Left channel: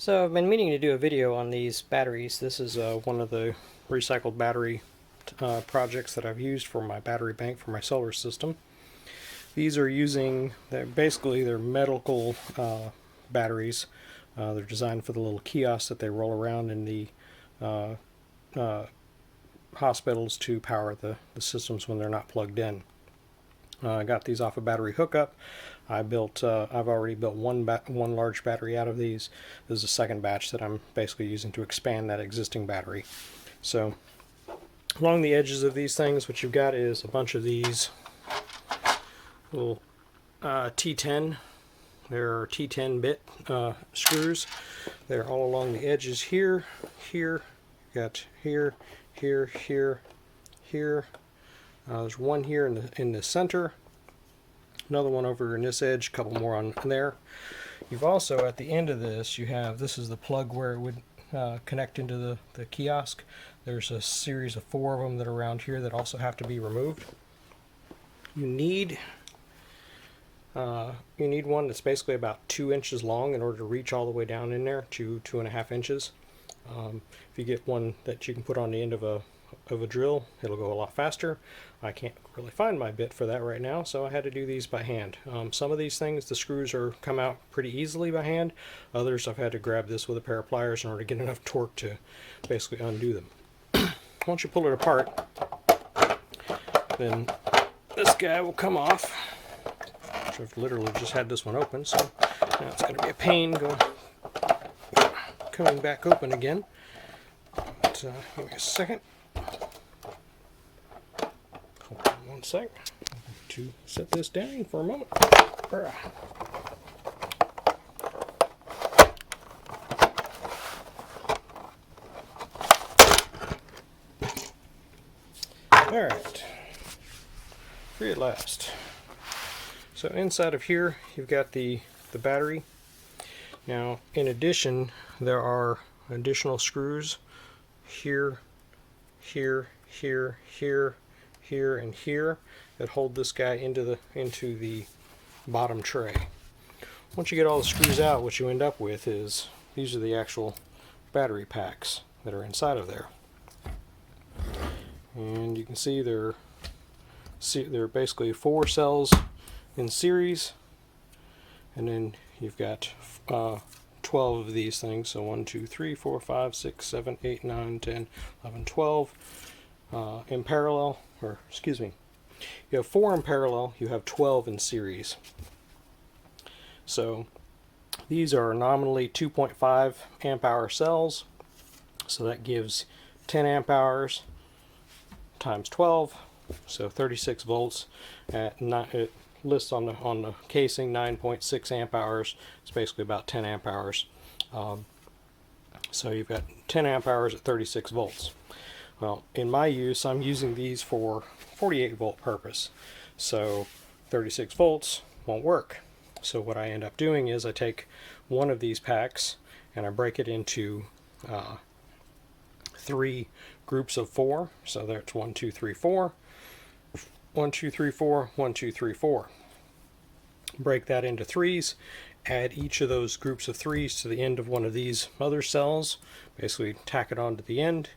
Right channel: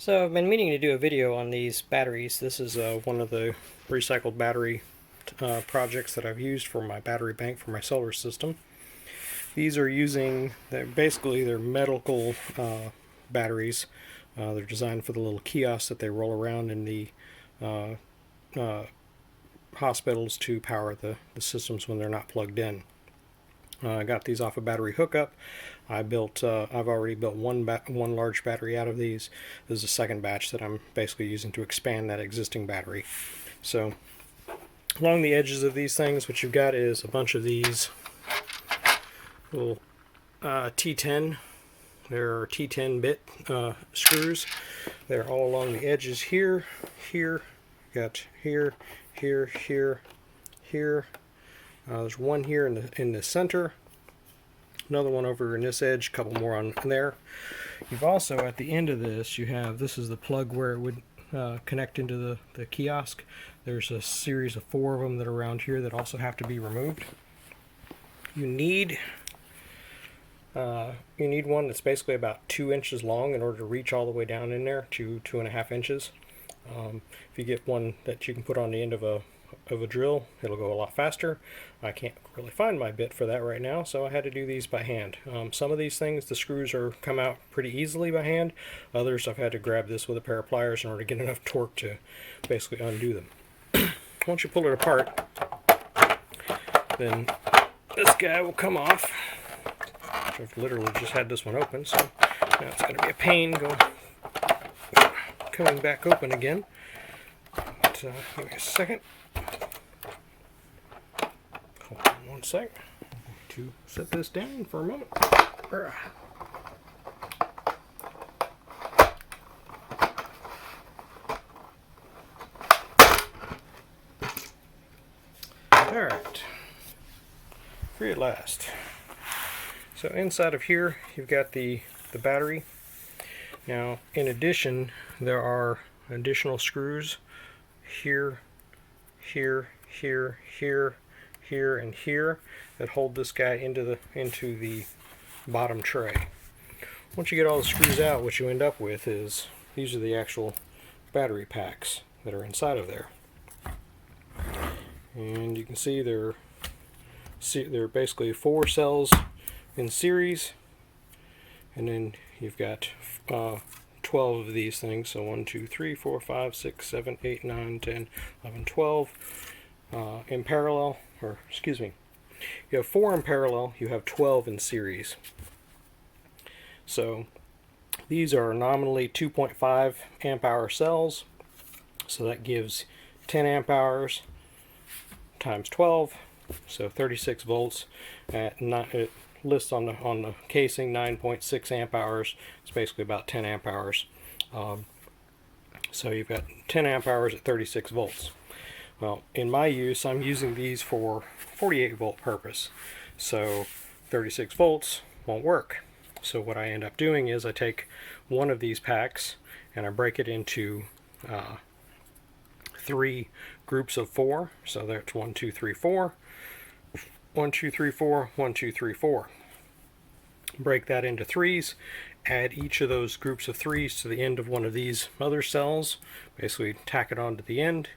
So I've been meaning to do a video on these batteries. This is one of the recycled battery projects that I've used for my battery bank for my solar system. These are they're medical batteries. They're designed for the little kiosks that they roll around in the hospitals to power the systems when they're not plugged in. I got these off a battery hookup. I've already built one large battery out of these. This is the second batch that I'm basically using to expand that existing battery. So along the edges of these things, what you've got is a bunch of these little T10. There are T10 bit screws. They're all along the edges here, here. You got here, here, here, here. There's one here in the center. Another one over in this edge, a couple more on there. You've also, at the end of this, this is the plug where it would connect into the kiosk. There's a series of 4 of them that are around here that also have to be removed. You need one that's basically about 2 inches long in order to reach all the way down in there, 2.5 inches. If you get one that you can put on the end of a drill, it'll go a lot faster. I can't really find my bit for that right now, so I had to do these by hand. Some of these things, the screws come out pretty easily by hand. Others, I've had to grab this with a pair of pliers in order to get enough torque to basically undo them. Once you pull it apart, then this guy will come off. I've literally just had this one open, so now it's going to be a pain coming back open again. But, give me a second. Hold on one sec. I'm going to set this down for a moment. Alright. Free at last. So inside of here, you've got the battery. Now, in addition, there are additional screws here, here, here, here, here, and here that hold this guy into the bottom tray. Once you get all the screws out, what you end up with is these are the actual battery packs that are inside of there. And you can see they're basically 4 cells in series, and then you've got 12 of these things, so 1, 2, 3, 4, 5, 6, 7, 8, 9, 10, 11, 12 in parallel, or excuse me, you have 4 in parallel, you have 12 in series. So these are nominally 2.5 amp hour cells, so that gives 10 amp hours times 12, so 36 volts at it lists on the casing 9.6 amp hours. It's basically about 10 amp hours. So you've got 10 amp hours at 36 volts. Well, in my use, I'm using these for 48 volt purpose. So 36 volts won't work. So what I end up doing is I take one of these packs and I break it into 3 groups of 4. So that's 1, 2, 3, 4. 1, 2, 3, 4, 1, 2, 3, 4. Break that into 3s, add each of those groups of 3s to the end of one of these other cells, basically tack it on to the end.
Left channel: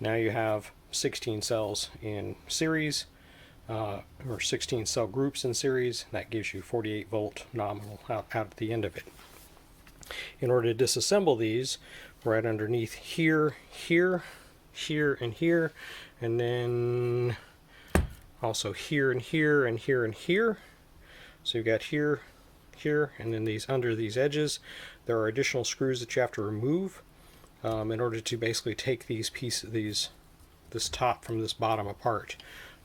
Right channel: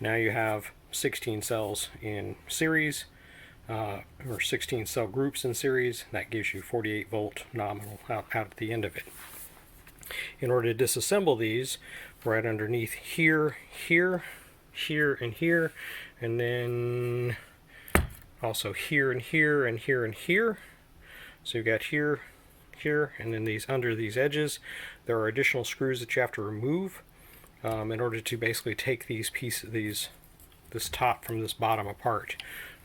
Now you have 16 cells in series, or 16 cell groups in series. That gives you 48 volt nominal out at the end of it. In order to disassemble these, right underneath here, here, here, and here, and then also here and here and here and here. So you've got here, here, and then under these edges, there are additional screws that you have to remove in order to basically take these pieces, this top from this bottom apart.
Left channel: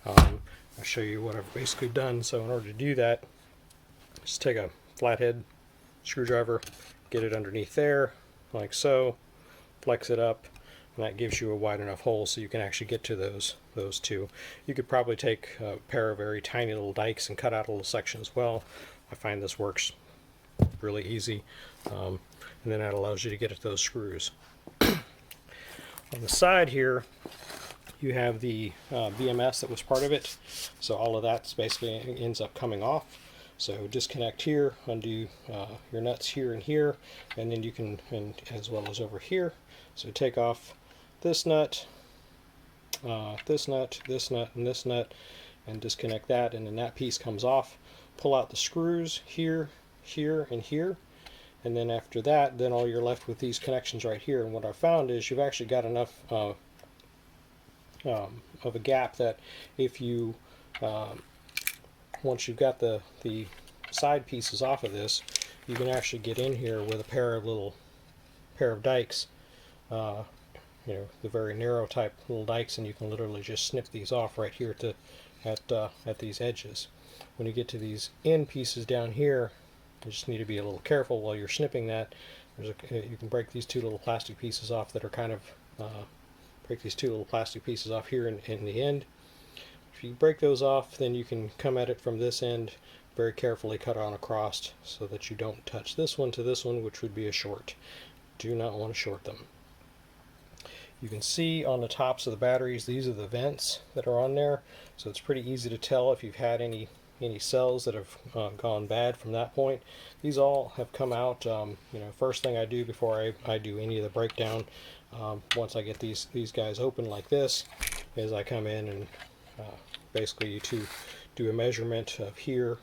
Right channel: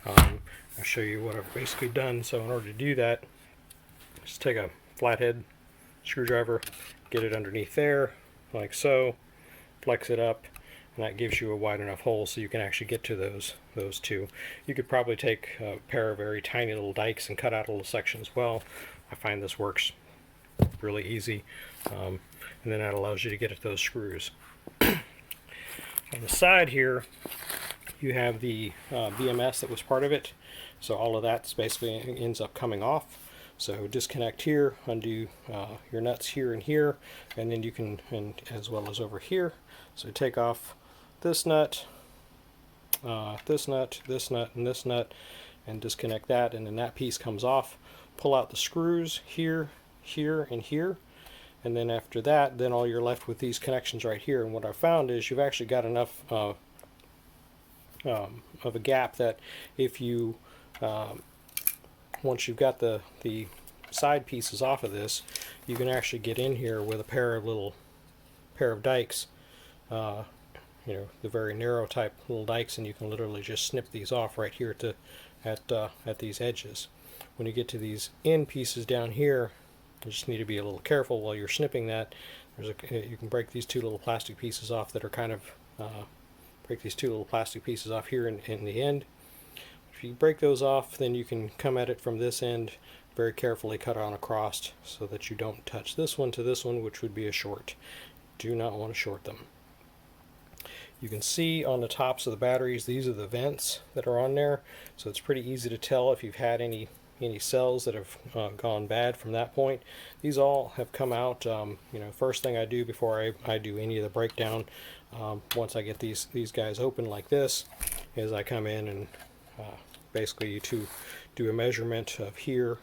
I'll show you what I've basically done. So in order to do that, just take a flathead screwdriver, get it underneath there, like so, flex it up, and that gives you a wide enough hole so you can actually get to those 2. You could probably take a pair of very tiny little dikes and cut out a little section as well. I find this works really easy, and then that allows you to get at those screws. On the side here, you have the BMS that was part of it, so all of that basically ends up coming off. So disconnect here, undo your nuts here and here, and then you can, and as well as over here. So take off this nut, this nut, this nut, and this nut, and disconnect that, and then that piece comes off. Pull out the screws here, here, and here, and then after that, then all you're left with these connections right here. And what I found is you've actually got enough of a gap that if you once you've got the side pieces off of this, you can actually get in here with a pair of dikes, you know, the very narrow type little dikes, and you can literally just snip these off right here at these edges. When you get to these end pieces down here, you just need to be a little careful while you're snipping that. You can break these two little plastic pieces off that are kind of break these two little plastic pieces off here in the end. If you break those off, then you can come at it from this end, very carefully cut on across so that you don't touch this one to this one, which would be a short. Do not want to short them. You can see on the tops of the batteries, these are the vents that are on there, so it's pretty easy to tell if you've had any cells that have gone bad from that point. These all have come out. You know, first thing I do before I do any of the breakdown, once I get these guys open like this, is I come in and basically to do a measurement of here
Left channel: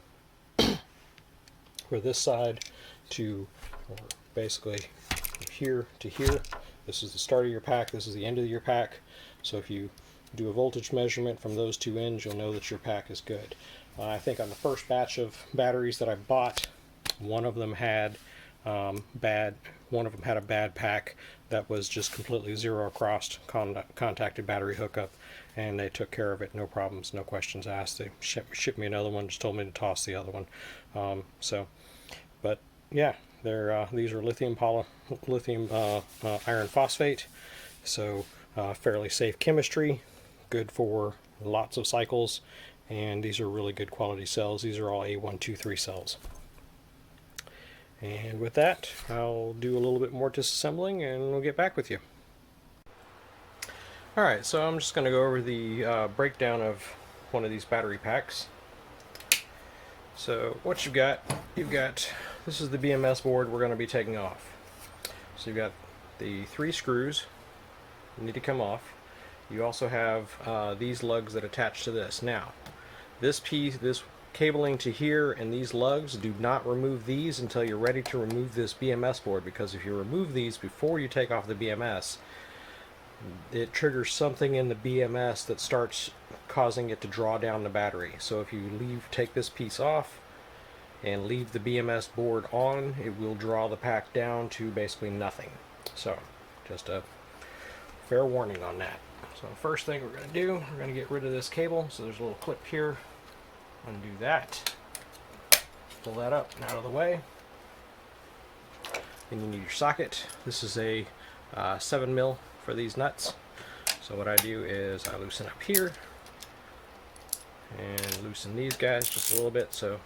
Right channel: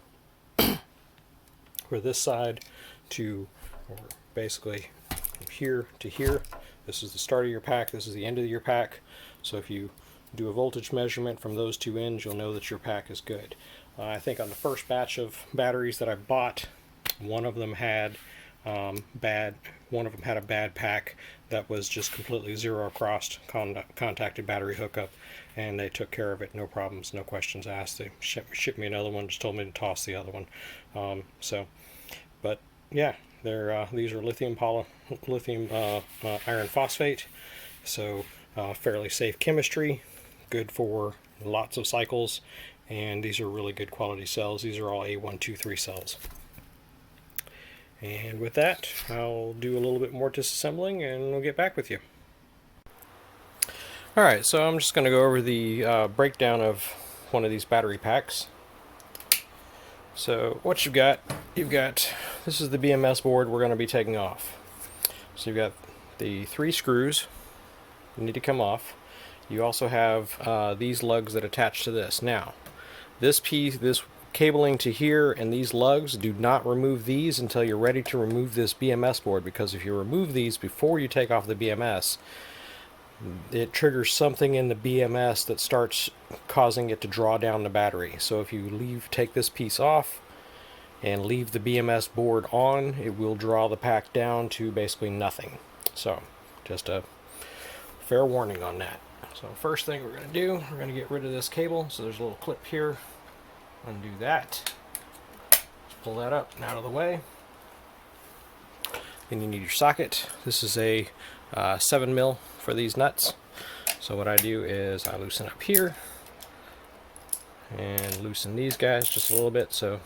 for this side to, or basically from here to here. This is the start of your pack, this is the end of your pack. So if you do a voltage measurement from those two ends, you'll know that your pack is good. I think on the first batch of batteries that I bought, one of them had a bad pack that was just completely zero crossed contacted battery hookup, and they took care of it, no problems, no questions asked. They shipped me another one, just told me to toss the other one. But yeah, these are lithium iron phosphate, so fairly safe chemistry, good for lots of cycles, and these are really good quality cells. These are all A123 cells. And with that, I'll do a little bit more disassembling and we'll get back with you. Alright, so I'm just going to go over the breakdown of one of these battery packs. So what you've got, this is the BMS board we're going to be taking off. So you've got the 3 screws that need to come off. You also have these lugs that attach to this. Now, this cabling to here and these lugs, do not remove these until you're ready to remove this BMS board, because if you remove these before you take off the BMS, it triggers something in the BMS that starts causing it to draw down the battery. So if you take this piece off and leave the BMS board on, it will draw the pack down to basically nothing. So just a fair warning on that. So first thing we're going to do, we're going to get rid of this cable. So there's a little clip here. Undo that. Pull that up and out of the way. Then you need your socket. This is a 7 mil for these nuts. So what I do is I loosen up here and loosen these guys just a little bit so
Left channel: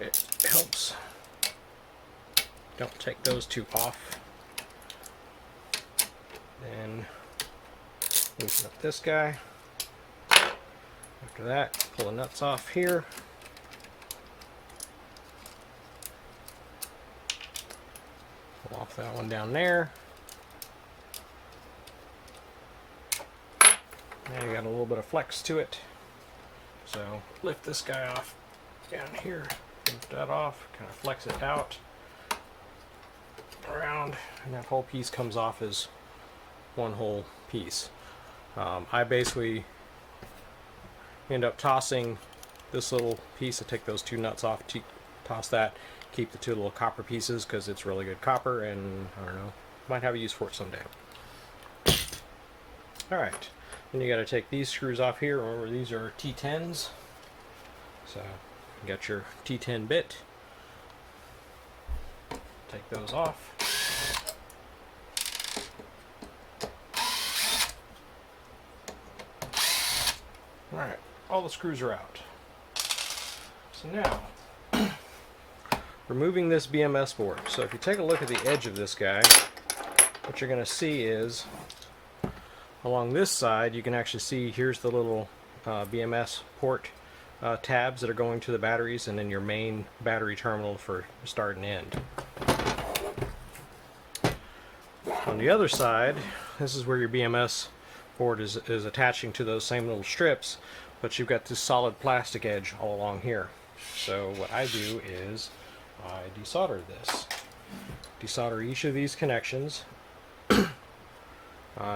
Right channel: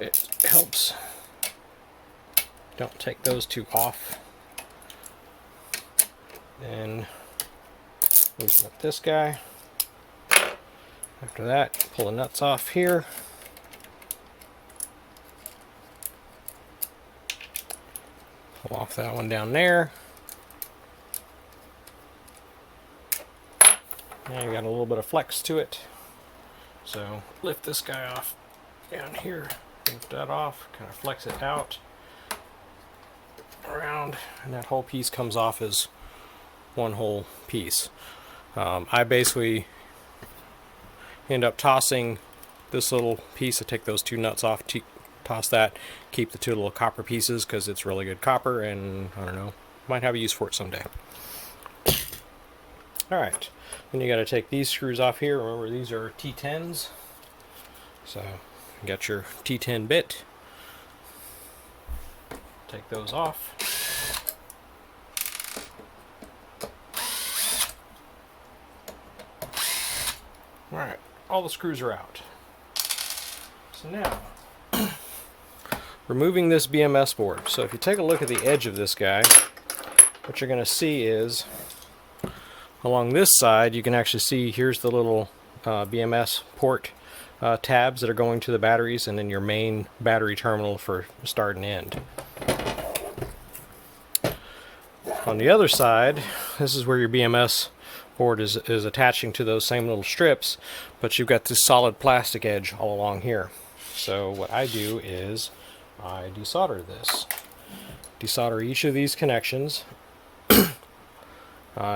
it helps. Don't take those two off. Then loosen up this guy. After that, pull the nuts off here. Pull off that one down there. And you got a little bit of flex to it. So lift this guy off down here. Lift that off, kind of flex it out around, and that whole piece comes off as one whole piece. I basically end up tossing this little piece. I take those two nuts off, toss that, keep the two little copper pieces because it's really good copper, and I don't know, might have a use for it someday. Alright, then you got to take these screws off here. Remember, these are T10s, so you got your T10 bit. Take those off. Alright, all the screws are out. So now, removing this BMS board. So if you take a look at the edge of this guy, what you're going to see is, along this side, you can actually see here's the little BMS port tabs that are going to the batteries, and then your main battery terminal for start and end. On the other side, this is where your BMS board is attaching to those same little strips, but you've got this solid plastic edge all along here. So what I do is I desolder this. Desolder each of these connections.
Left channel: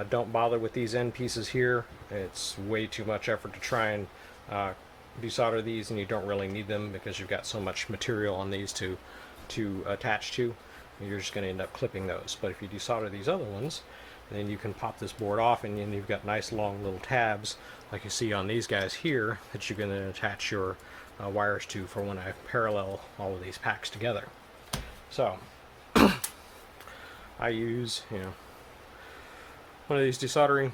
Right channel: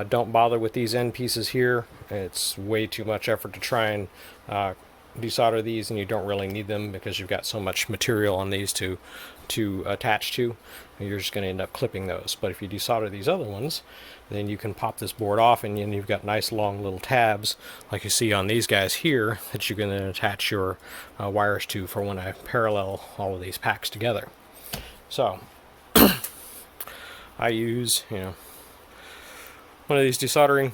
Don't bother with these end pieces here. It's way too much effort to try and desolder these, and you don't really need them because you've got so much material on these to attach to. You're just going to end up clipping those. But if you desolder these other ones, then you can pop this board off, and then you've got nice long little tabs like you see on these guys here that you can then attach your wires to for when I parallel all of these packs together. So I use, one of these desoldering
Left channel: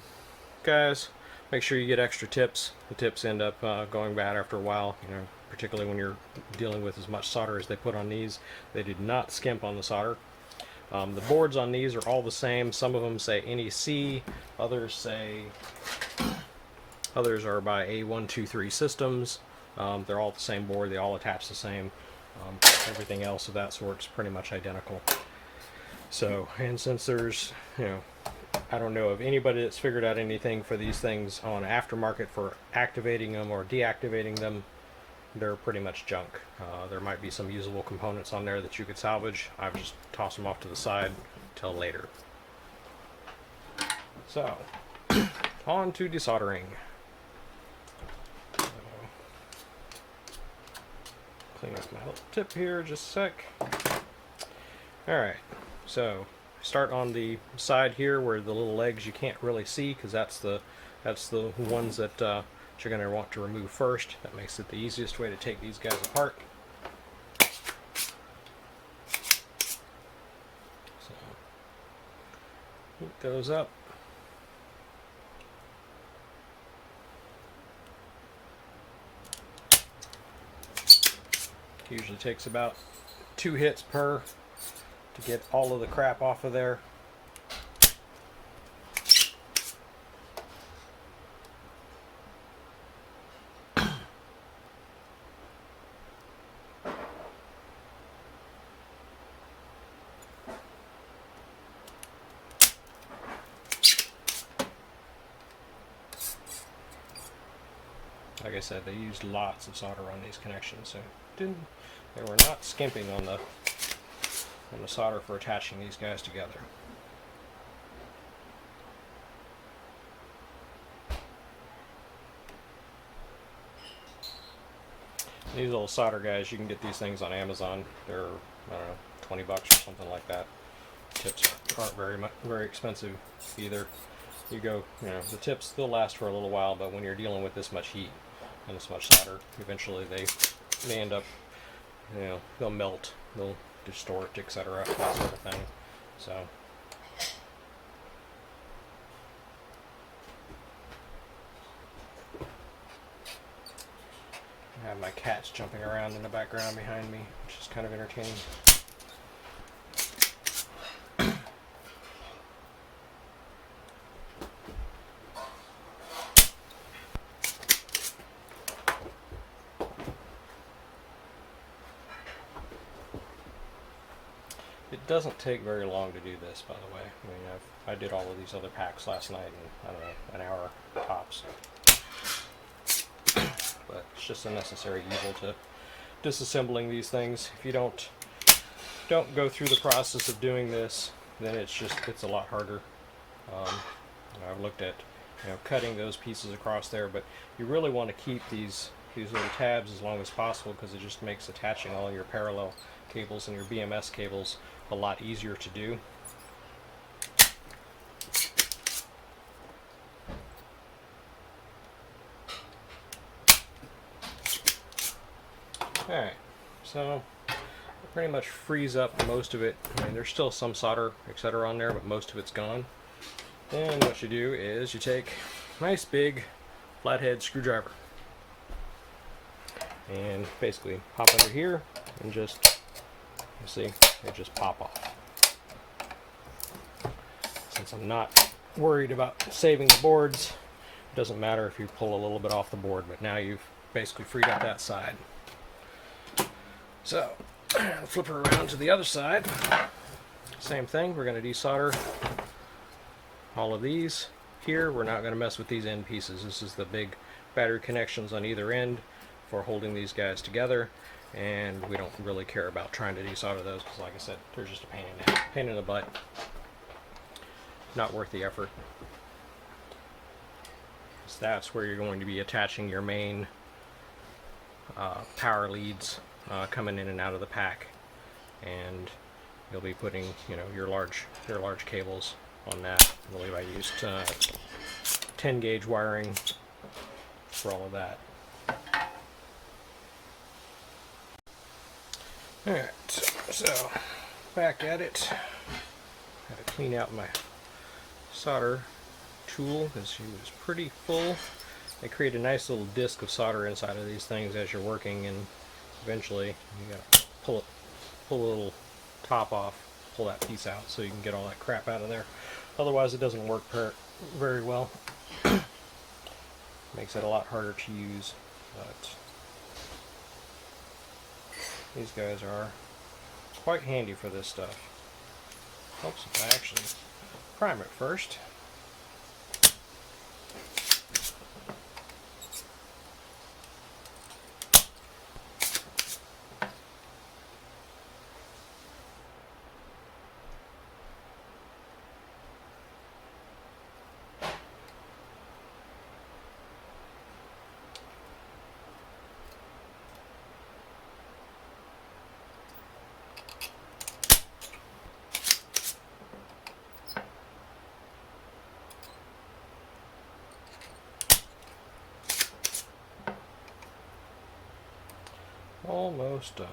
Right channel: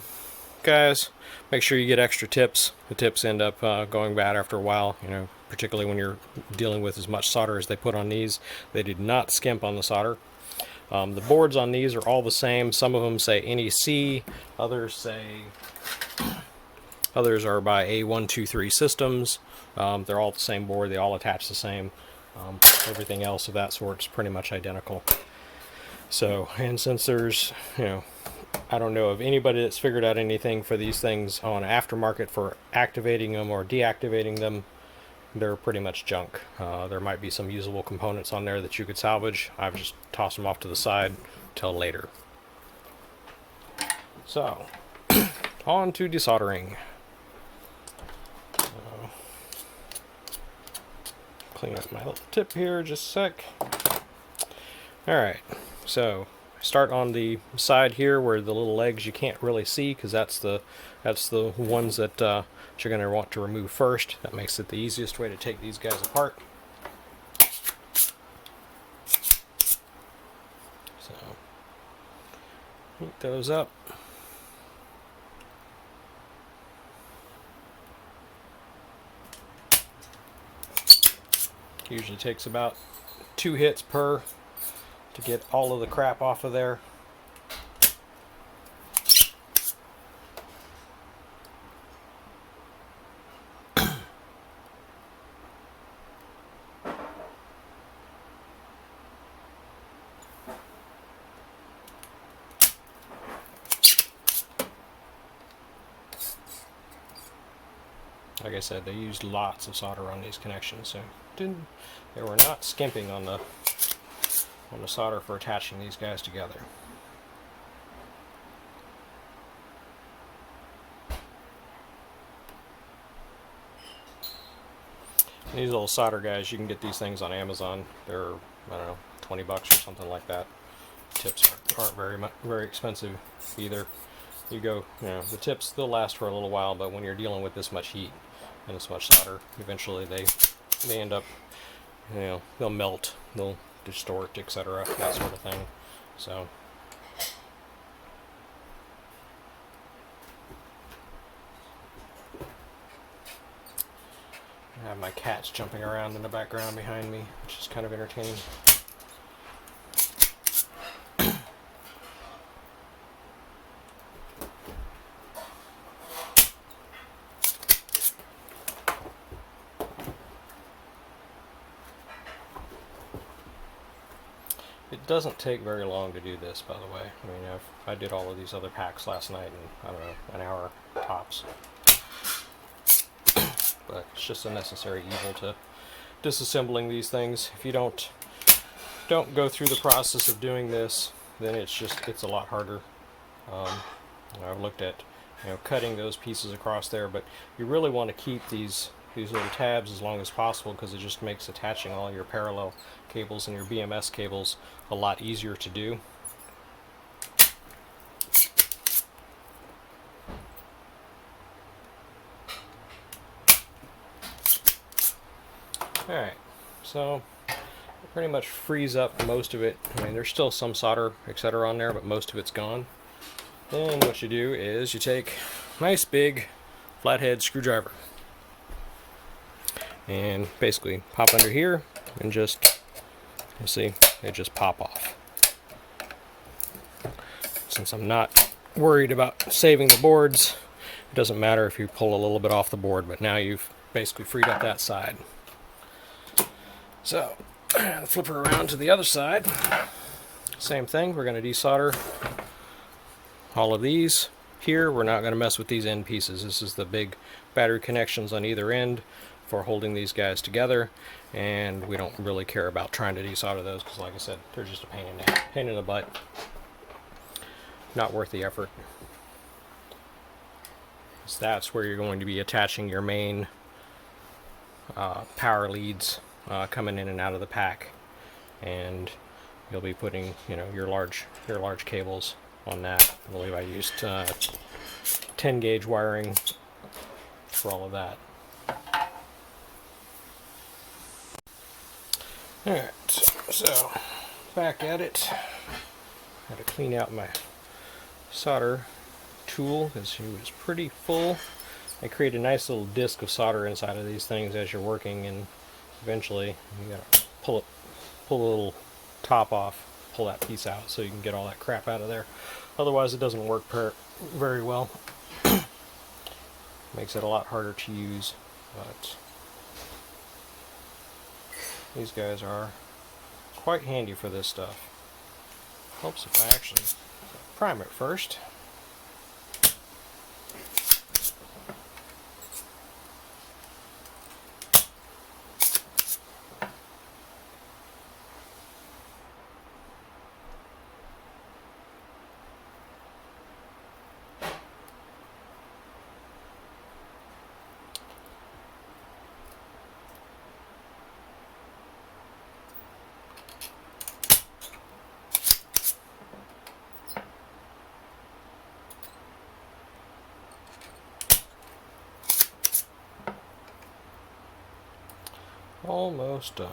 guys. Make sure you get extra tips. The tips end up going bad after a while, particularly when you're dealing with as much solder as they put on these. They did not skimp on the solder. The boards on these are all the same. Some of them say NEC, others are by A123 Systems. They're all the same board. They all attach the same. Everything else of that sort is pretty much identical. So, and since there's, I don't know of anybody that's figured out anything for these things on aftermarket for activating them or deactivating them, they're pretty much junk. There might be some usable components on there that you could salvage. I've just tossed them off to the side till later. So, on to desoldering. Clean up my little tip here just a sec. Alright, so start on the side here where the little legs you can't really see, because that's the ones that you're going to want to remove first. That makes it the easiest way to take these guys apart. So heat those up. Usually takes about 2 hits per to get all of the crap off of there. Like I said, they used lots of solder on these connections, so they were not skimping on the solder for attaching these guys together. These little solder guys, you can get these things on Amazon. They're, I don't know, 20 bucks or something like that. Tips aren't very expensive either. You go, the tips, they'll last for a little while, but when you're dealing with this much heat and this much solder, eventually they end up, they'll melt, they'll distort, etc., that sort of thing. So I have my cats jumping around in the background behind me, which is kind of entertaining. It doesn't take very long to do this, by the way. I mean, I did all of these other packs last night in, I don't know, an hour tops. But it's just a necessary evil to disassembling these things. If you don't go through the process of doing this, then it's a lot harder. I've looked at cutting those pieces across there, but you really want to keep these little tabs as long as possible, because it just makes attaching all your parallel cables and your BMS cables a lot easier to do. Alright, so it pretty much frees up most of it. I mean, there's still some solder, etc. on there, but most of it's gone. Then what you do is you take a nice big flathead screwdriver and basically pop under here and just, you see, they just pop off. Since I'm not worried about saving the boards, it doesn't matter if you pull a little bit off the board, but now you've basically freed up that side. So flip her around to the other side. Same thing, we're going to desolder all of these. Here we're not going to mess with these end pieces. This is the big battery connections on either end for holding these guys together, and we don't really care about trying to desolder those because, like I said, they're just a pain in the butt. Not worth the effort. So that's where you're going to be attaching your main power leads coming in and out of the pack, and you'll be putting, you know, your large cables on that. I believe I used 10 gauge wiring for all of that. Alright, so back at it. Got to clean out my solder tool because it was pretty full. I create a nice little disc of solder inside of these things as you're working, and eventually you gotta pull a little top off, pull that piece out so you can get all that crap out of there. Otherwise it doesn't work very well. Makes it a lot harder to use, but these guys are quite handy for this stuff. Helps if I actually prime it first. Almost done.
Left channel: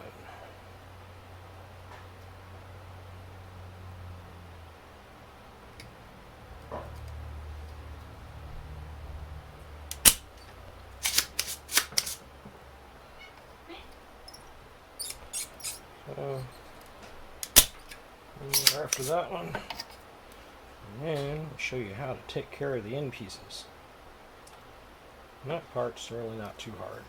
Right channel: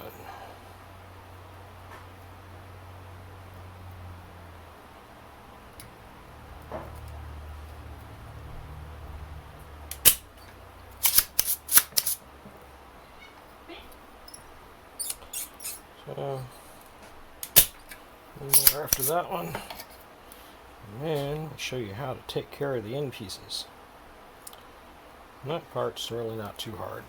So, after that one, and then I'll show you how to take care of the end pieces. And that part's really not too hard.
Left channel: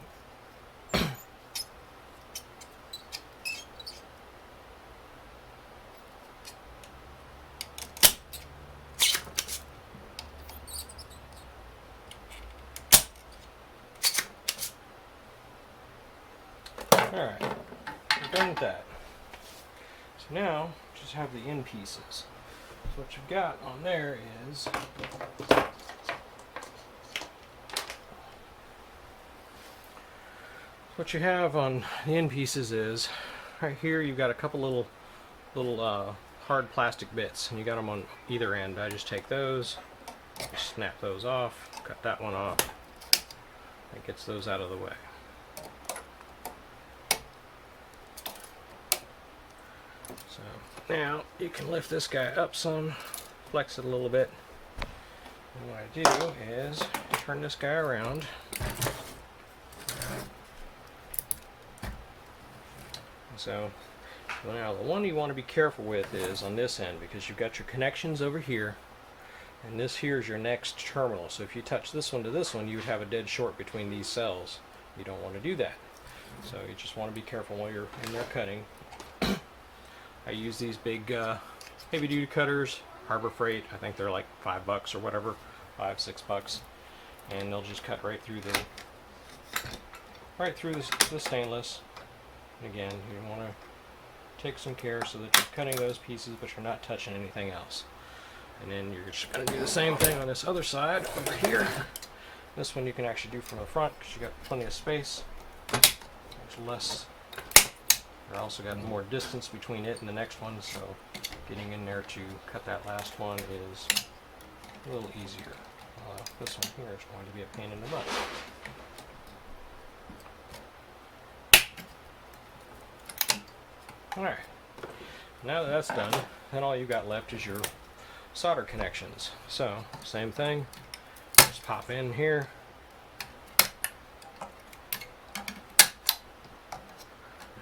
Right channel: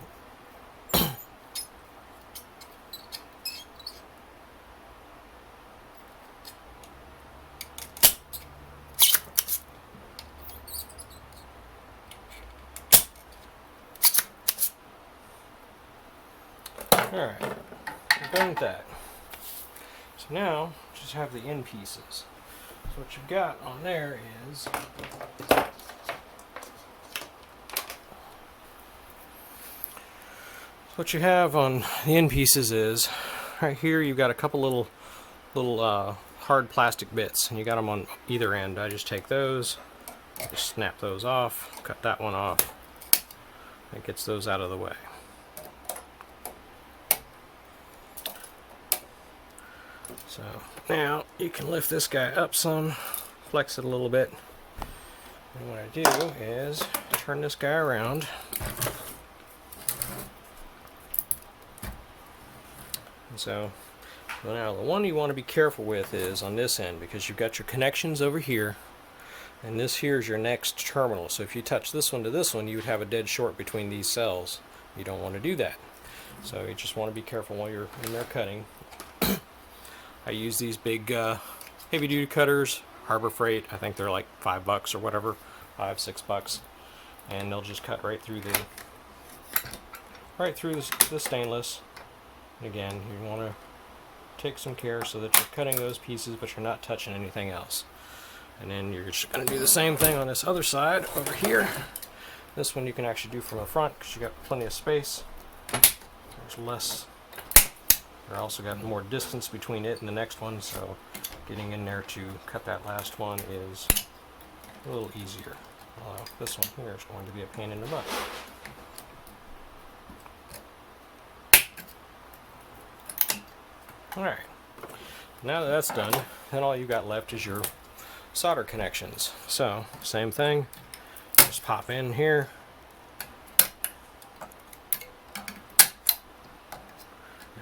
Alright, we're done with that. So now, just have the end pieces. So what you've got on there is what you have on the end pieces is right here you've got a couple little hard plastic bits, and you got them on either end. I just take those, just snap those off, cut that one off. It gets those out of the way. So now you can lift this guy up some, flex it a little bit, and what I do is turn this guy around. So now the one you want to be careful with is on this end, because you've got your connections over here, and this here is your next terminal. So if you touch this one to this one, you would have a dead short between these cells. You don't want to do that. So you just want to be careful while you're in there cutting. I use these big heavy duty cutters, Harbor Freight. I think they're like $5 or whatever, $6, and they'll just cut right through the stainless. And again, you want to take some care so that you're cutting those pieces, but you're not touching anything else. And then you're just going to do the same thing on this other side over here. This one you can actually do from the front because you got plenty of space. There's less. You're also got more distance between it and the next one, so getting in there to cut that last one is a little easier. This one here is going to be a pain in the butt. Alright, now that that's done, then all you've got left is your solder connections. So, same thing, just pop in here.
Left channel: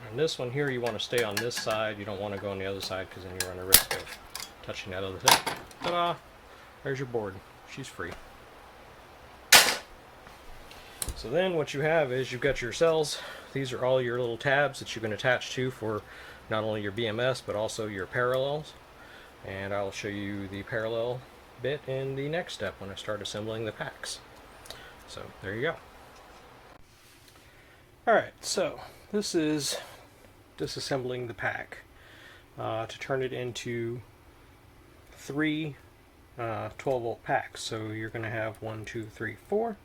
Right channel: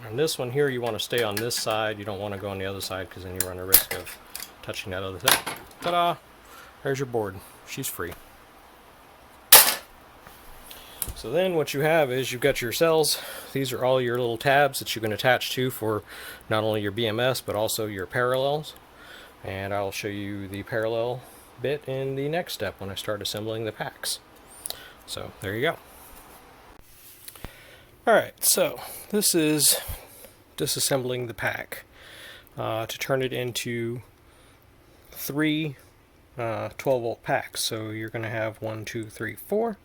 And this one here, you want to stay on this side. You don't want to go on the other side because then you run the risk of touching that other thing. Ta-da! There's your board. She's free. So then what you have is you've got your cells. These are all your little tabs that you can attach to for not only your BMS but also your parallels. And I'll show you the parallel bit in the next step when I start assembling the packs. So there you go. Alright, so this is disassembling the pack to turn it into three 12 volt packs. So you're going to have 1, 2, 3, 4.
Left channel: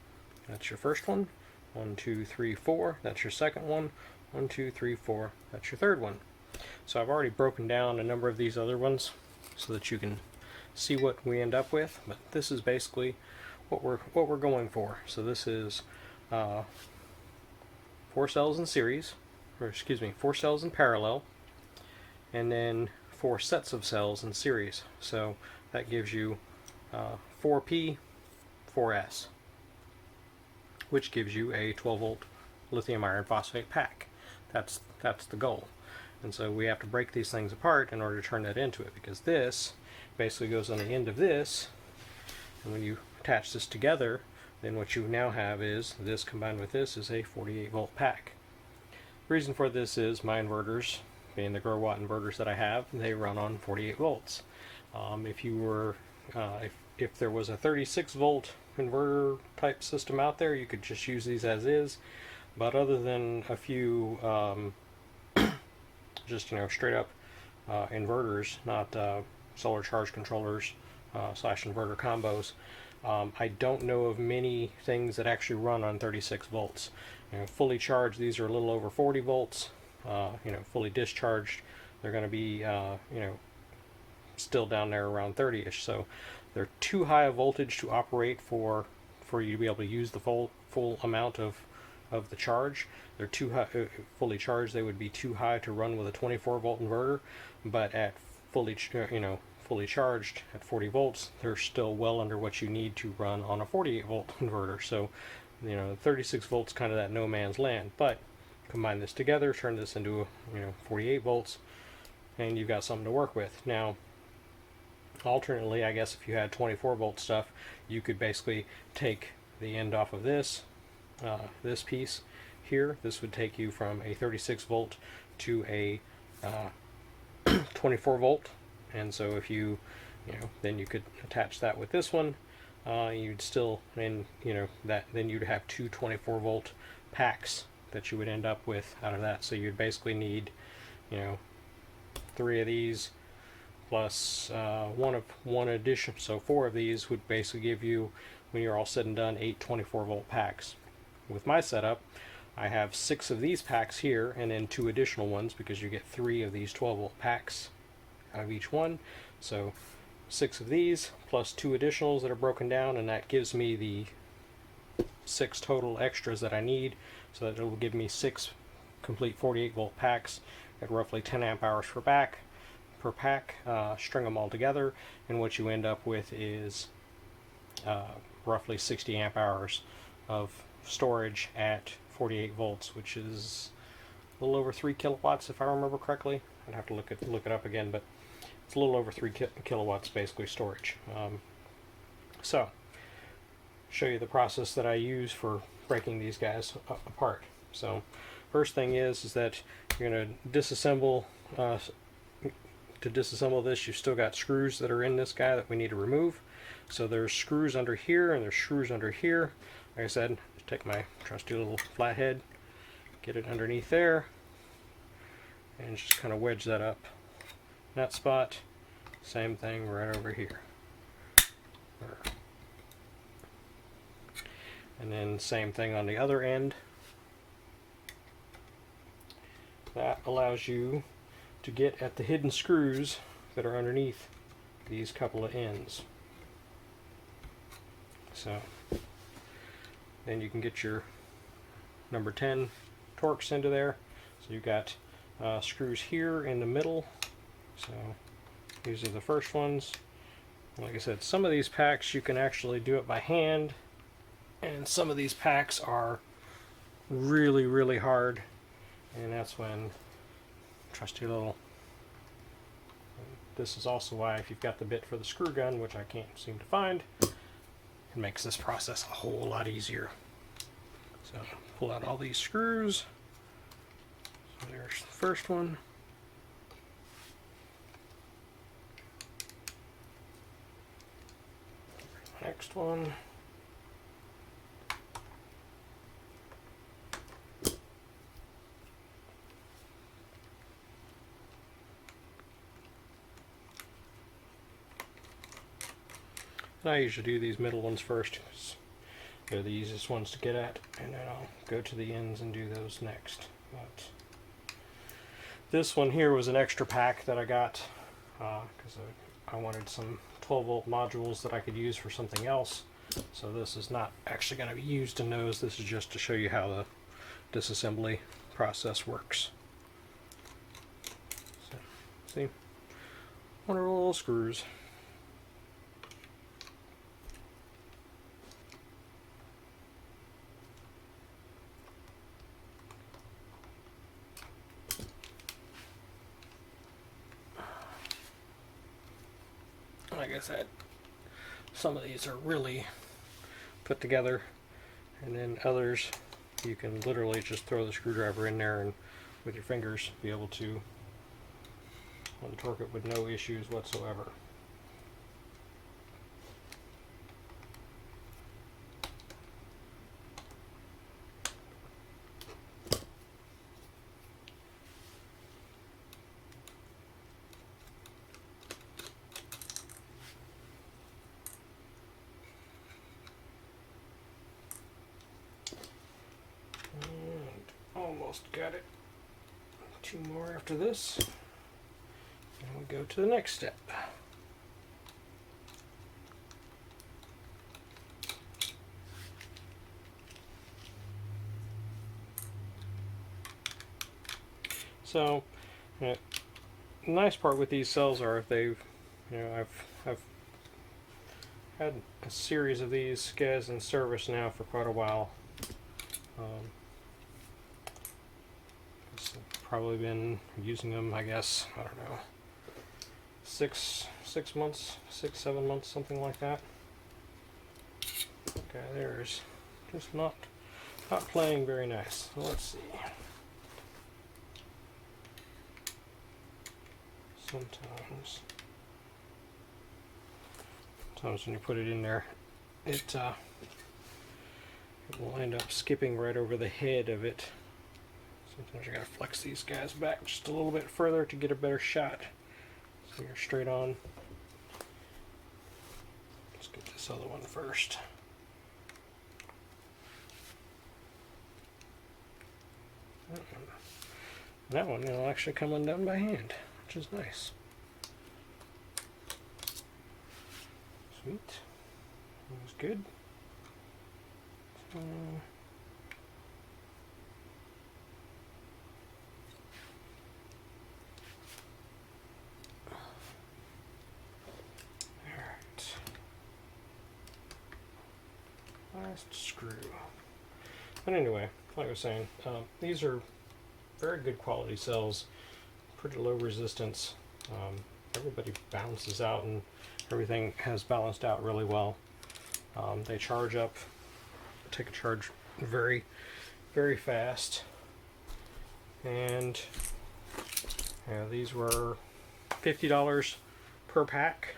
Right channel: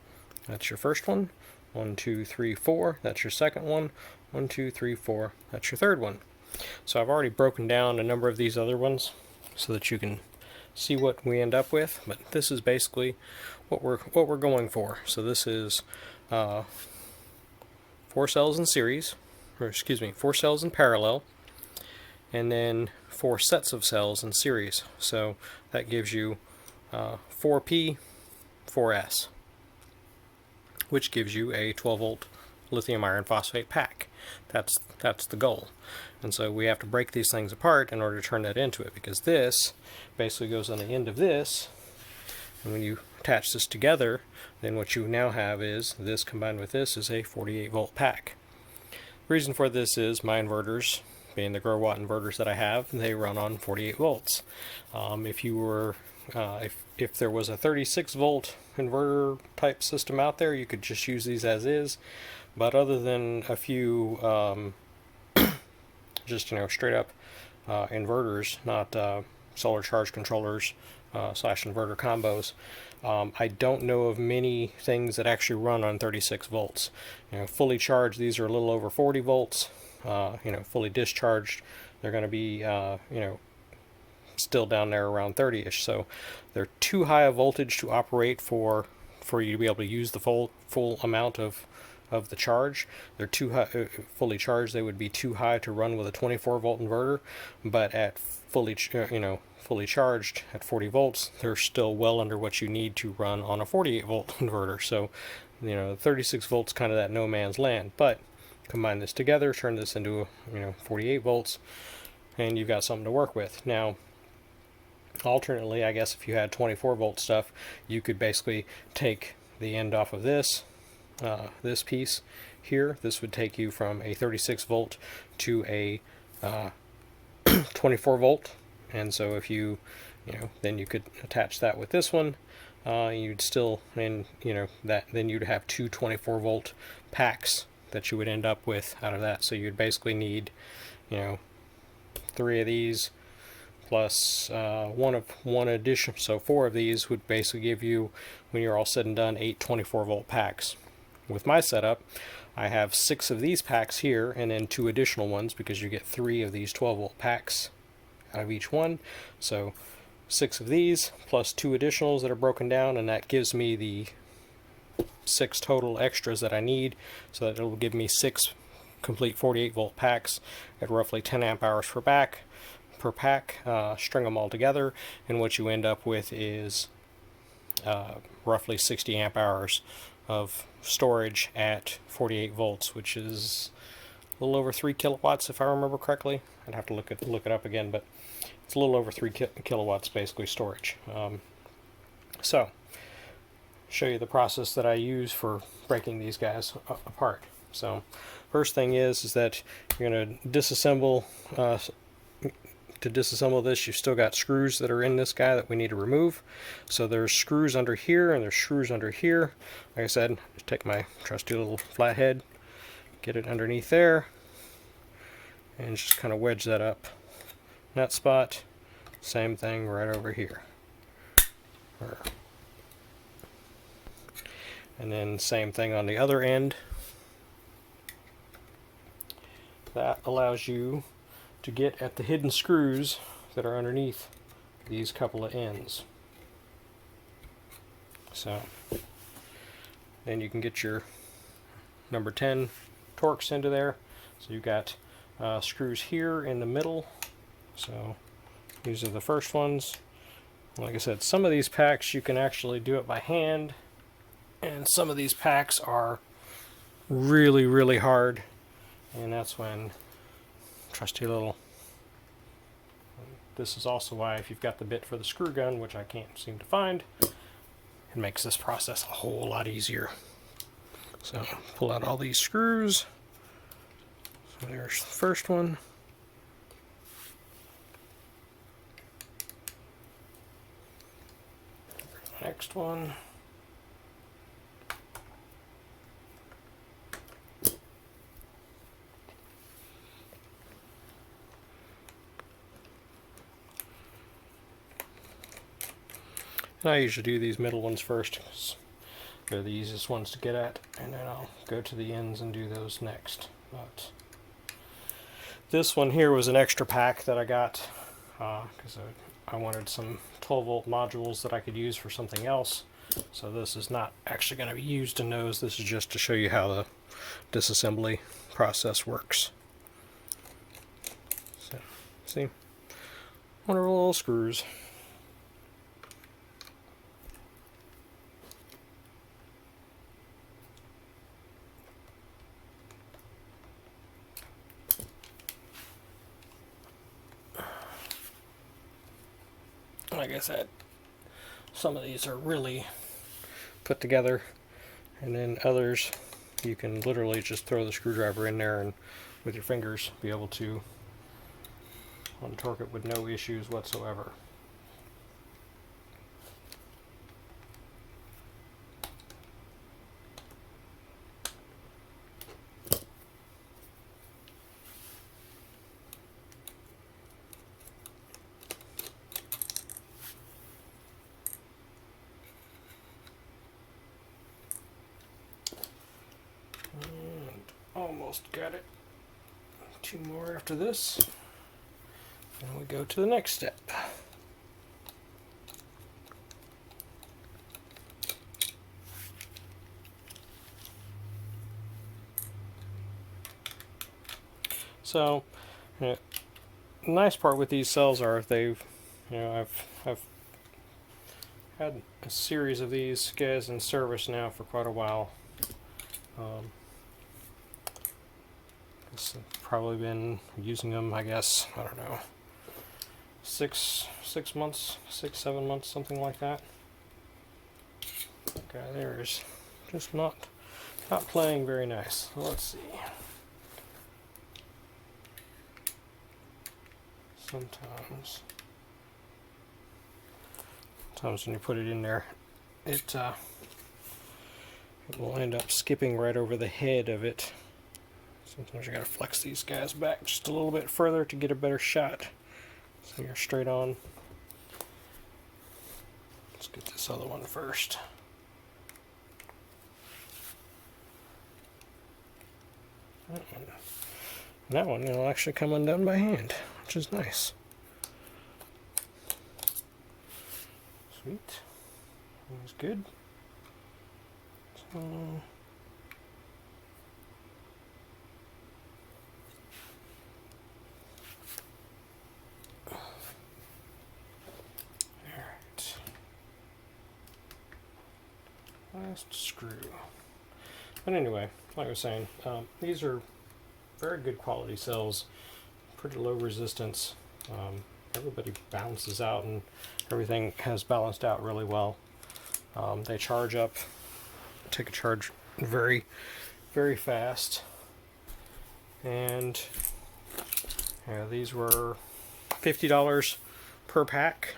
That's your first one. 1, 2, 3, 4. That's your second one. 1, 2, 3, 4. That's your third one. So I've already broken down a number of these other ones so that you can see what we end up with. But this is basically what we're going for. So this is 4 cells in series, or excuse me, 4 cells in parallel, and then 4 sets of cells in series. So that gives you 4P, 4S, which gives you a 12 volt lithium iron phosphate pack. That's the goal. And so we have to break these things apart in order to turn that into it, because this basically goes on the end of this, and when you attach this together, then what you now have is this combined with this is a 48 volt pack. The reason for this is my inverters, being the grow watt inverters that I have, they run on 48 volts. If you were if there was a 36 volt inverter type system out there, you could just use these as is. But other than a few just straight up inverters, not solar charge controllers slash inverter combos, I don't know of many things that actually run on 36 volts. Fully charged, these are a little over 40 volts. Fully discharged, they're going to be still down there around 30ish. So they're too high a voltage to operate for you to be able to use the full amount of the charge. They're too high, fully charged. They would be too high to run with a 24 volt inverter, but at fully charged at 40 volts, they're still well under what you need to run on a 48 volt inverter. So 36 volts kind of that no man's land. But combine this together, turn this into 48 volts, and you've got something to work with. Now, alternately, I guess if you had 24 volt stuff, you could basically take the end off of this this piece here. This would take you from a 36 volt to a 24 volt, and so if you then you could attach that with this one. You'd still, and then you'd have two 24 volt packs that you would end up with out of that. So you'd basically need 3 of these plus one addition, so 4 of these would basically give you, when you're all said and done, 8 24 volt packs. With my setup, I have 6 of these packs here and then 2 additional ones, because you get 3 of these 12 volt packs out of each one. So 6 of these plus 2 additionals that are broken down, and that gives me the 6 total extras that I need, so that it will give me 6 complete 48 volt packs at roughly 10 amp hours per pack. String them all together, and what you end up with is roughly 60 amp hours of storage at 48 volts, which is a little over 3 kilowatts if I remember correctly. I'd have to look it up again, but it's a little over 3 kilowatts basically storage. So show you the process that I use for breaking these guys apart. So first thing is that you're going to disassemble. To disassemble this, you've still got screws that are in this guy that we need to remove. So there's screws under here and there's screws under here. Like I said, just take my trusty little flathead, get it underneath there, and just kind of wedge that up in that spot. Same thing right over here. And then same thing on the other end. That allows you to get at the hidden screws that are underneath these couple of ends. So then you can get your number 10 Torx into there. So you've got screws here in the middle. So these are the first ones. Like I said, some of these packs you can actually do it by hand, and some of these packs are really, really hard, and that's when trusty little. This is also why, if you've got the bit for the screw gun, which I can't seem to find, it makes this process a whole lot easier. So pull out all these screws. So there's the first one. Next one. And I usually do these middle ones first because they're the easiest ones to get at, and then I'll go to the ends and do those next. But this one here was an extra pack that I got because I wanted some 12-volt modules that I could use for something else. So this is not actually going to be used in those. This is just to show you how the disassembly process works. So, see, wonderful little screws. Like I said, some of these are really put together, and then others you can literally just throw the screwdriver in there and with your fingers be able to untorque it with no issues whatsoever. Almost got it. Two more after this, and we go to the next step. So, the nice part with these cells are I've had a series of these guys in service now for quite a while. Probably been using them, I guess, I don't know, 6 months, 6-7 months, something like that. Okay, there's just not playing very nice. Let's see. Sometimes when you put it in there, it will end up skipping right over the head of it. Sometimes you gotta flex these guys back just a little bit further to get a better shot. So you're straight on. Let's get this other one first. That one will actually come undone by hand, which is nice. Sweet. That was good. So, last screw. But anyway, like I was saying, these are very good quality cells, pretty low resistance. Everybody balances out and everything has balanced out really well. They charge up, take a charge very, very fast. And yeah, these were $50 per pack.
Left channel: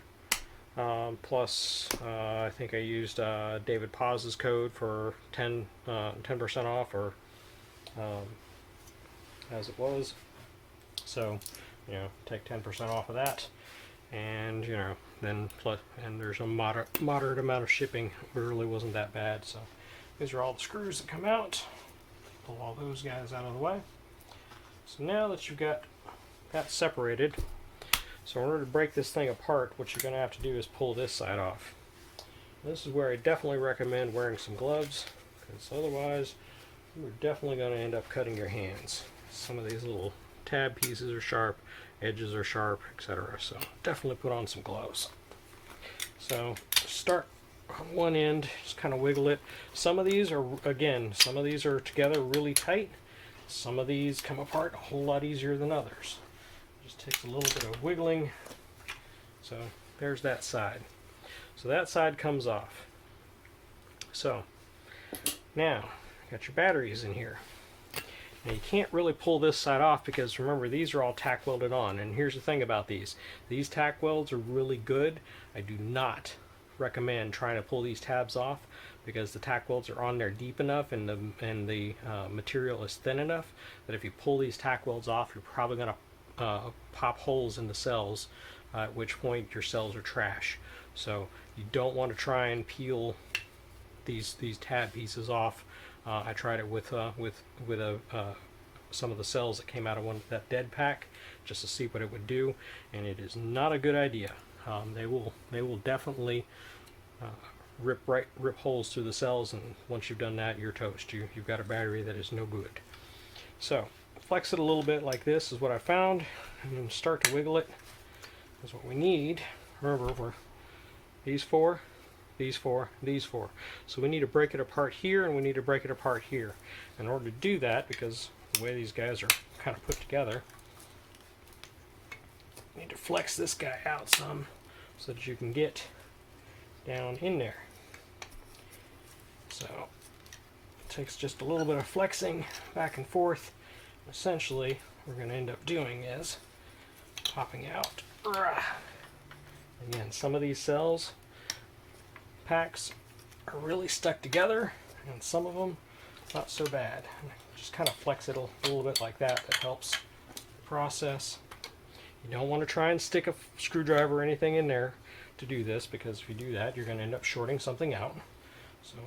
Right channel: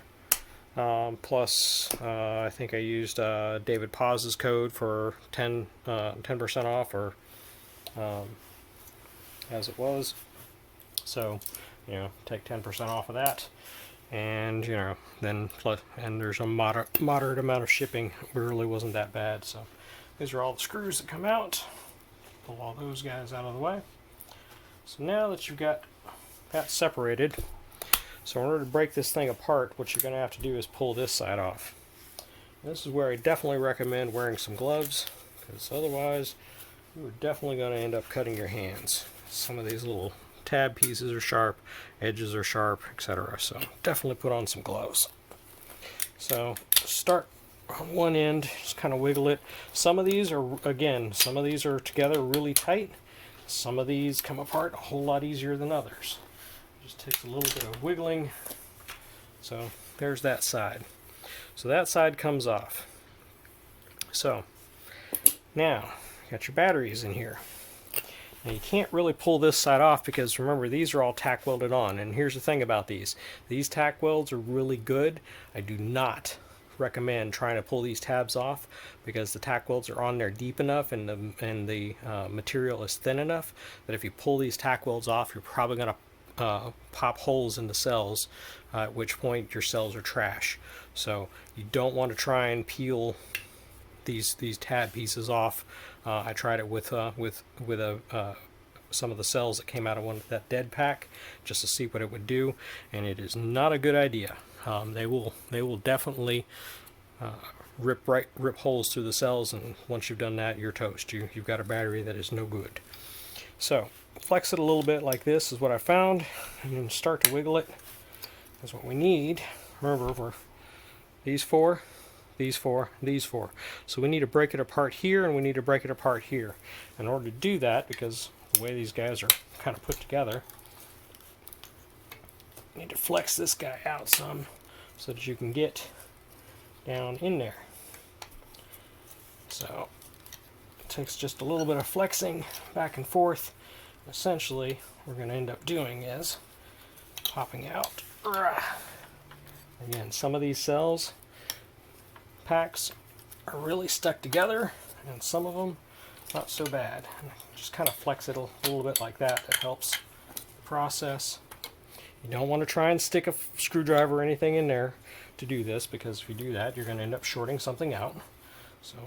Plus, I think I used David Paz's code for 10% off, or as it was. So, take 10% off of that, and then and there's a moderate amount of shipping. It really wasn't that bad. So, these are all the screws that come out. Pull all those guys out of the way. So now that you've got that separated. So in order to break this thing apart, what you're going to have to do is pull this side off. This is where I definitely recommend wearing some gloves, because otherwise you're definitely going to end up cutting your hands. Some of these little tab pieces are sharp, edges are sharp, etc. So definitely put on some gloves. So start on one end, just kind of wiggle it. Some of these are together really tight. Some of these come apart a whole lot easier than others. Just takes a little bit of wiggling. So there's that side. So that side comes off. So now got your batteries in here. Now you can't really pull this side off because remember, these are all tack welded on. And here's the thing about these. These tack welds are really good. I do not recommend trying to pull these tabs off because the tack welds are on there deep enough and the material is thin enough that if you pull these tack welds off, you're probably going to pop holes in the cells, at which point your cells are trash. So you don't want to try and peel these tab pieces off. I tried it with some of the cells that came out of that dead pack just to see what it would do, and it is not a good idea. They will definitely rip holes through the cells, and once you've done that, you're toast. You've got a battery that is no good. So flex it a little bit like this is what I found, and then start to wiggle it. That's what we need. Remember, for these four, these four, these four. So we need to break it apart here, and we need to break it apart here. In order to do that, because the way these guys are kind of put together, you need to flex this guy out some so that you can get down in there. So it takes just a little bit of flexing back and forth. Essentially, what we're going to end up doing is popping out. Again, some of these cells packs are really stuck together, and some of them not so bad. Just kind of flex it a little bit like that. That helps the process. You don't want to try and stick a screwdriver or anything in there to do this, because if you do that, you're going to end up shorting something out. So,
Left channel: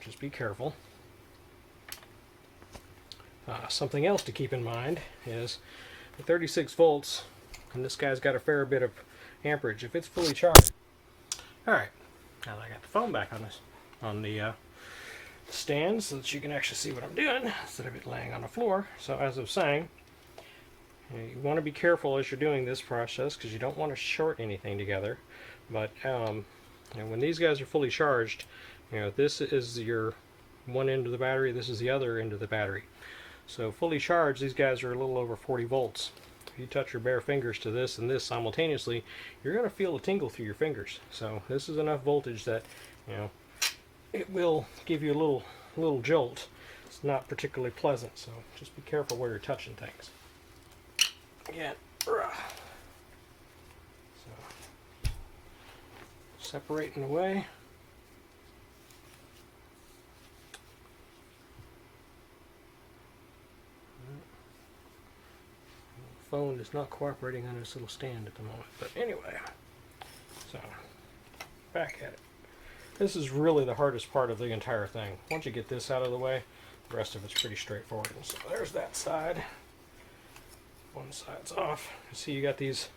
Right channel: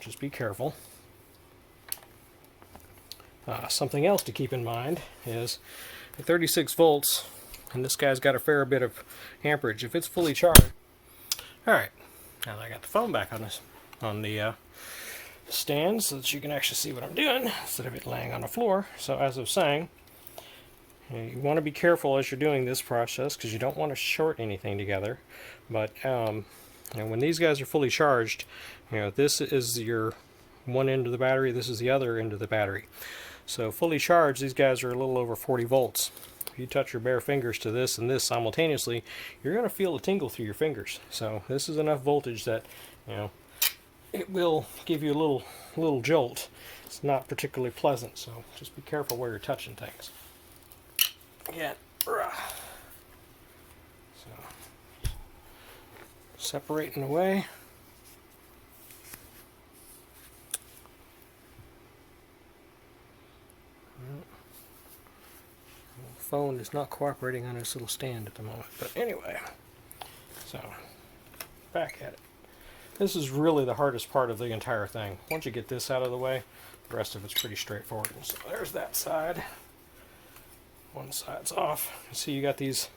just be careful. Something else to keep in mind is at 36 volts, and this guy's got a fair bit of amperage. If it's fully charged, all right. Now that I got the phone back on the stand so that you can actually see what I'm doing instead of it laying on the floor. So as I was saying, you want to be careful as you're doing this process because you don't want to short anything together. But when these guys are fully charged, this is your one end of the battery, this is the other end of the battery. So fully charged, these guys are a little over 40 volts. If you touch your bare fingers to this and this simultaneously, you're going to feel a tingle through your fingers. So this is enough voltage that it will give you a little jolt. It's not particularly pleasant, so just be careful where you're touching things. Again, so separating away. Phone is not cooperating on this little stand at the moment, but anyway, so back at it. This is really the hardest part of the entire thing. Once you get this out of the way, the rest of it's pretty straightforward. So there's that side. One side's off. See, you got these,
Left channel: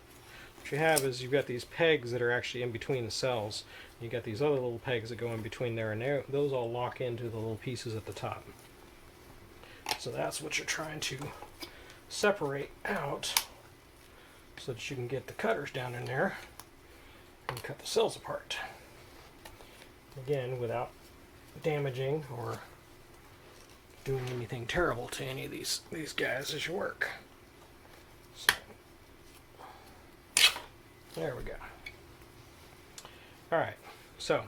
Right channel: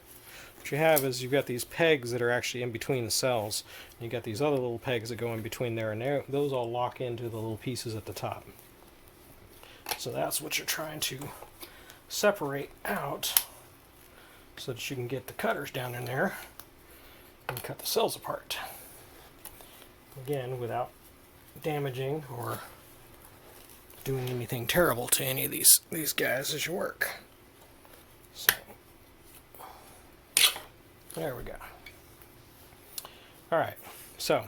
what you have is you've got these pegs that are actually in between the cells. You got these other little pegs that go in between there, and there, those all lock into the little pieces at the top. So that's what you're trying to separate out so that you can get the cutters down in there and cut the cells apart. Again, without damaging or doing anything terrible to any of these guys as you work. So, there we go. Alright, so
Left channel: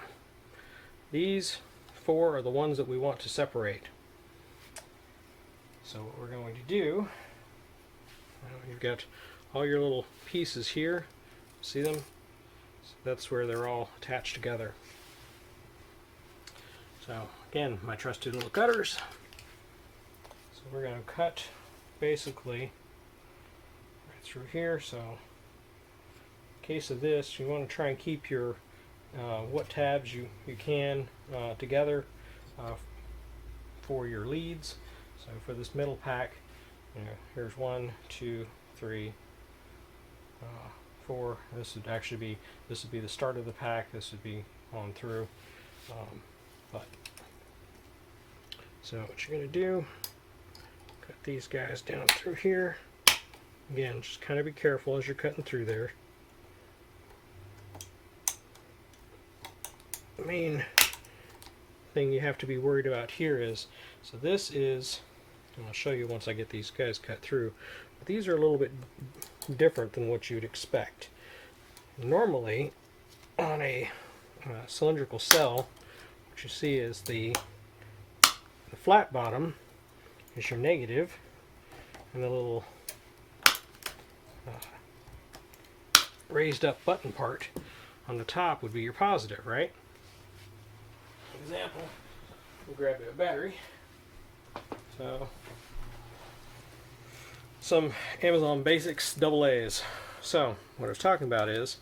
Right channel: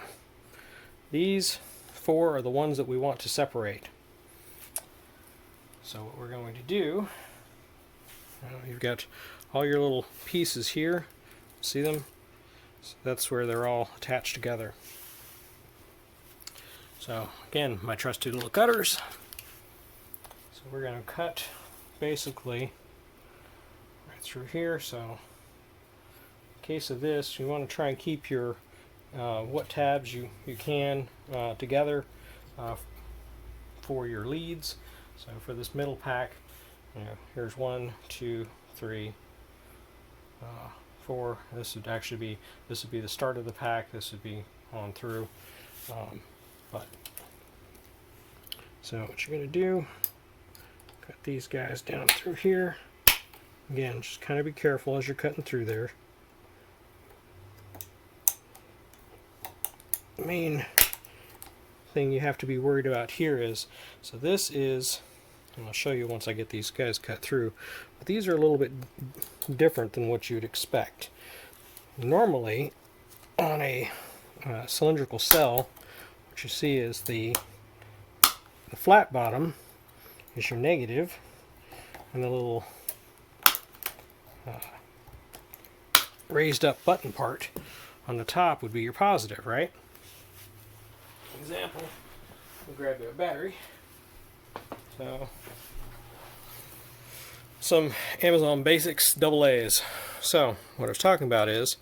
these four are the ones that we want to separate. So what we're going to do, you've got all your little pieces here, see them? So that's where they're all attached together. So again, my trusty little cutters. So we're going to cut basically right through here. So in case of this, you want to try and keep your what tabs you can together for your leads. So for this middle pack, here's 1, 2, 3, 4. This would actually be the start of the pack. This would be on through. So what you're going to do, cut these guys down through here. Again, just kind of be careful as you're cutting through there. The main thing you have to be worried about here is, so this is, and I'll show you once I get these guys cut through, but these are a little bit different than what you'd expect. Normally, on a cylindrical cell, what you see is the the flat bottom is your negative, and the little raised up button part on the top would be your positive, right? Example, we'll grab a battery. So, some Amazon Basics AA's. So, what I was talking about is,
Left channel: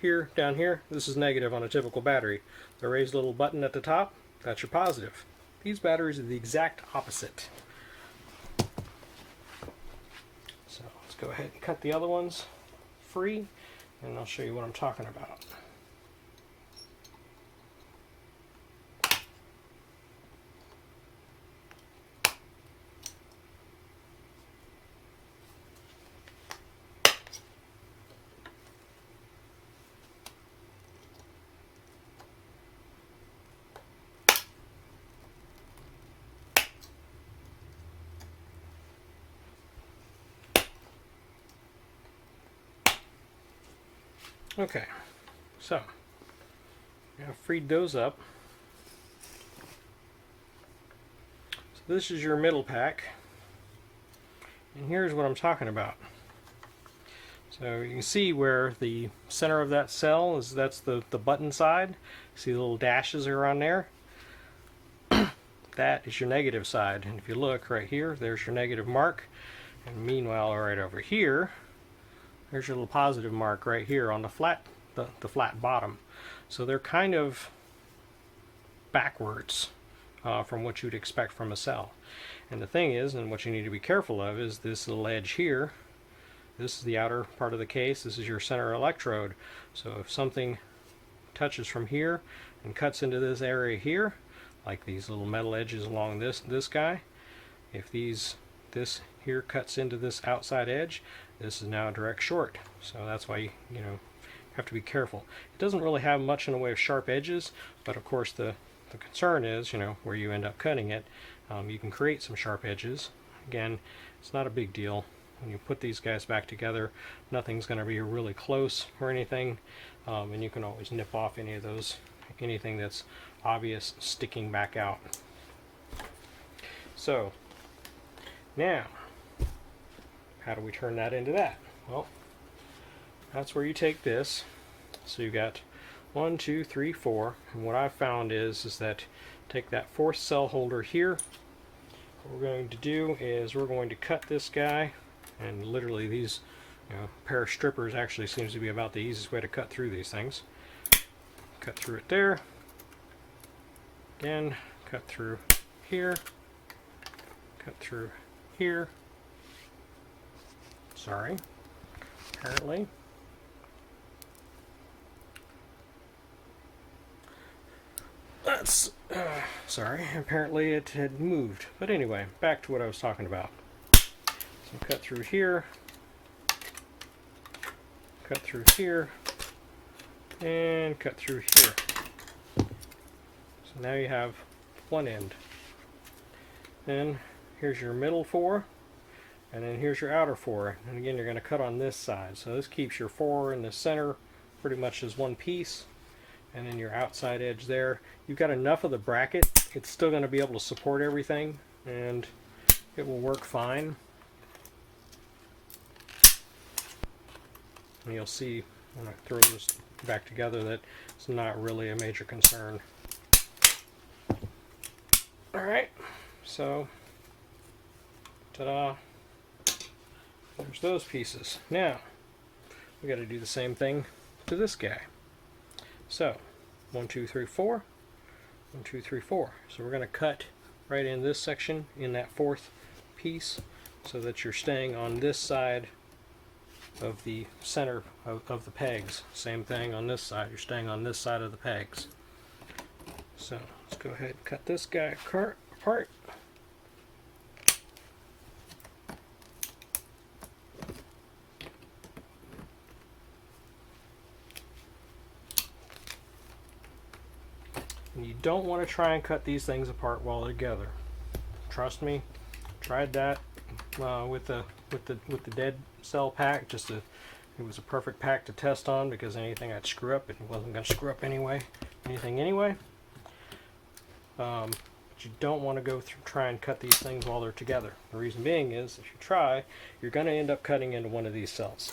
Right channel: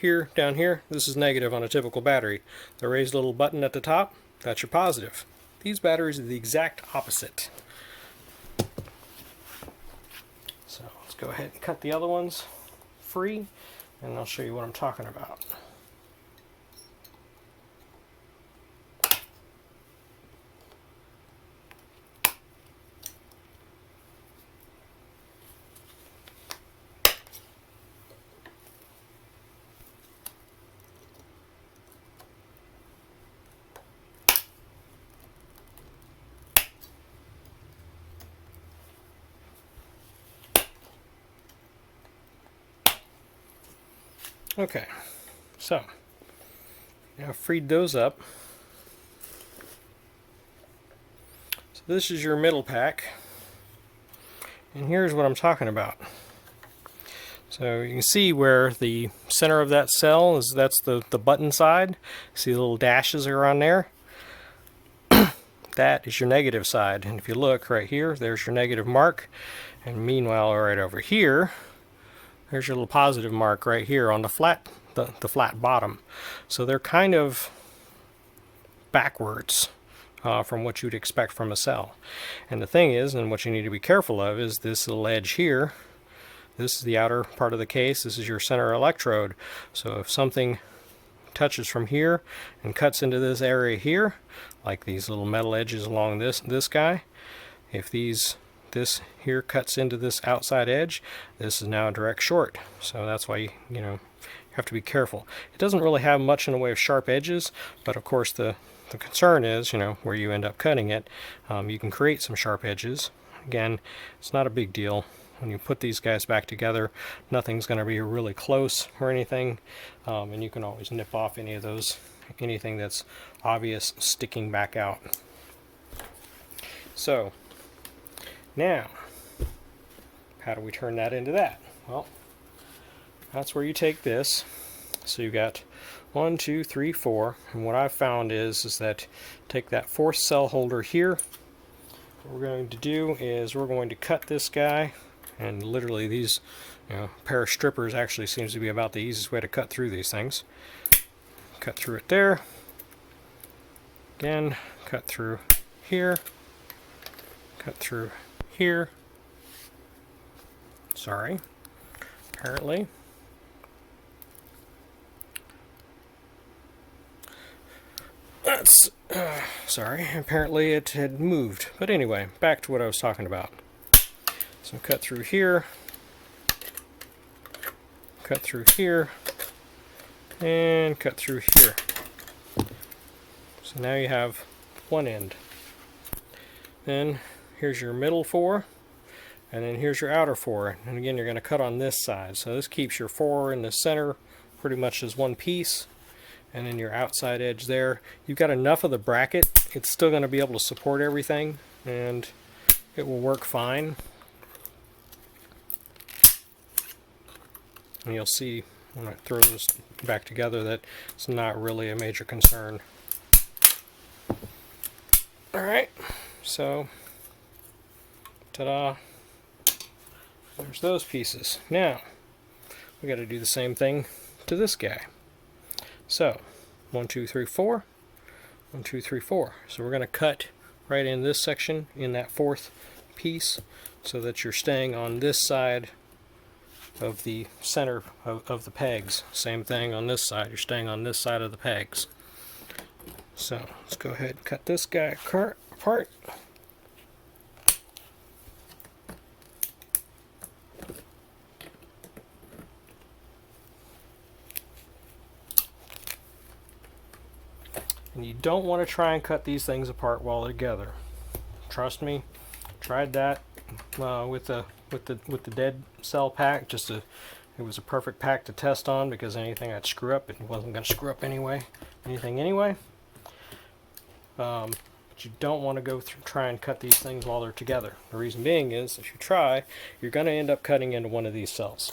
here, down here, this is negative on a typical battery. The raised little button at the top, that's your positive. These batteries are the exact opposite. So, let's go ahead and cut the other ones free, and I'll show you what I'm talking about. Okay, so now I've freed those up. So this is your middle pack, and here's what I'm talking about. So you can see where the center of that cell is, that's the button side. See the little dashes are on there? That is your negative side, and if you look right here, there's your negative mark, and meanwhile right over here, there's your little positive mark right here on the flat bottom. So they're kind of backwards from what you'd expect from a cell. And the thing is, and what you need to be careful of, is this little edge here. This is the outer part of the case. This is your center electrode. So if something touches from here and cuts into this area here, like these little metal edges along this guy, if this here cuts into this outside edge, this is now a direct short. So that's why you have to be careful. It doesn't really have much in the way of sharp edges, but of course the concern is, where you end up cutting it, you can create some sharp edges. Again, it's not a big deal. When you put these guys back together, nothing's going to be really close or anything, and you can always nip off any of those, anything that's obvious sticking back out. So now, how do we turn that into that? Well, that's where you take this. So you've got 1, 2, 3, 4, and what I've found is that take that fourth cell holder here. What we're going to do is we're going to cut this guy, and literally these, pair of strippers actually seems to be about the easiest way to cut through these things. Cut through it there. Again, cut through here. Cut through here. Sorry. Apparently. That's sorry. Apparently it had moved. But anyway, back to what I was talking about. So cut through here. Cut through here. And cut through here. So now you have one end. Then here's your middle 4, and then here's your outer 4. And again, you're going to cut on this side. So this keeps your 4 in the center pretty much as one piece, and then your outside edge there. You've got enough of the bracket. It's still going to be able to support everything, and it will work fine. And you'll see when I throw this back together that it's not really a major concern. Alright, so ta-da, there's those pieces. Now we got to do the same thing to this guy. So 1, 2, 3, 4, 1, 2, 3, 4. So we're going to cut right in this section in that fourth piece so that you're staying on this side of the center of the pegs. Same thing on this side, you're staying on this side of the pegs. So let's go ahead and cut this guy apart. And you don't want to try and cut these things apart while they're together. Trust me, tried that with the dead cell pack. It was a perfect pack to test on because anything I'd screw up, it wasn't going to screw up anything anyway. But you don't want to go through, try and cut these things while they're together. The reason being is, if you try, you're going to end up cutting into one of these cells.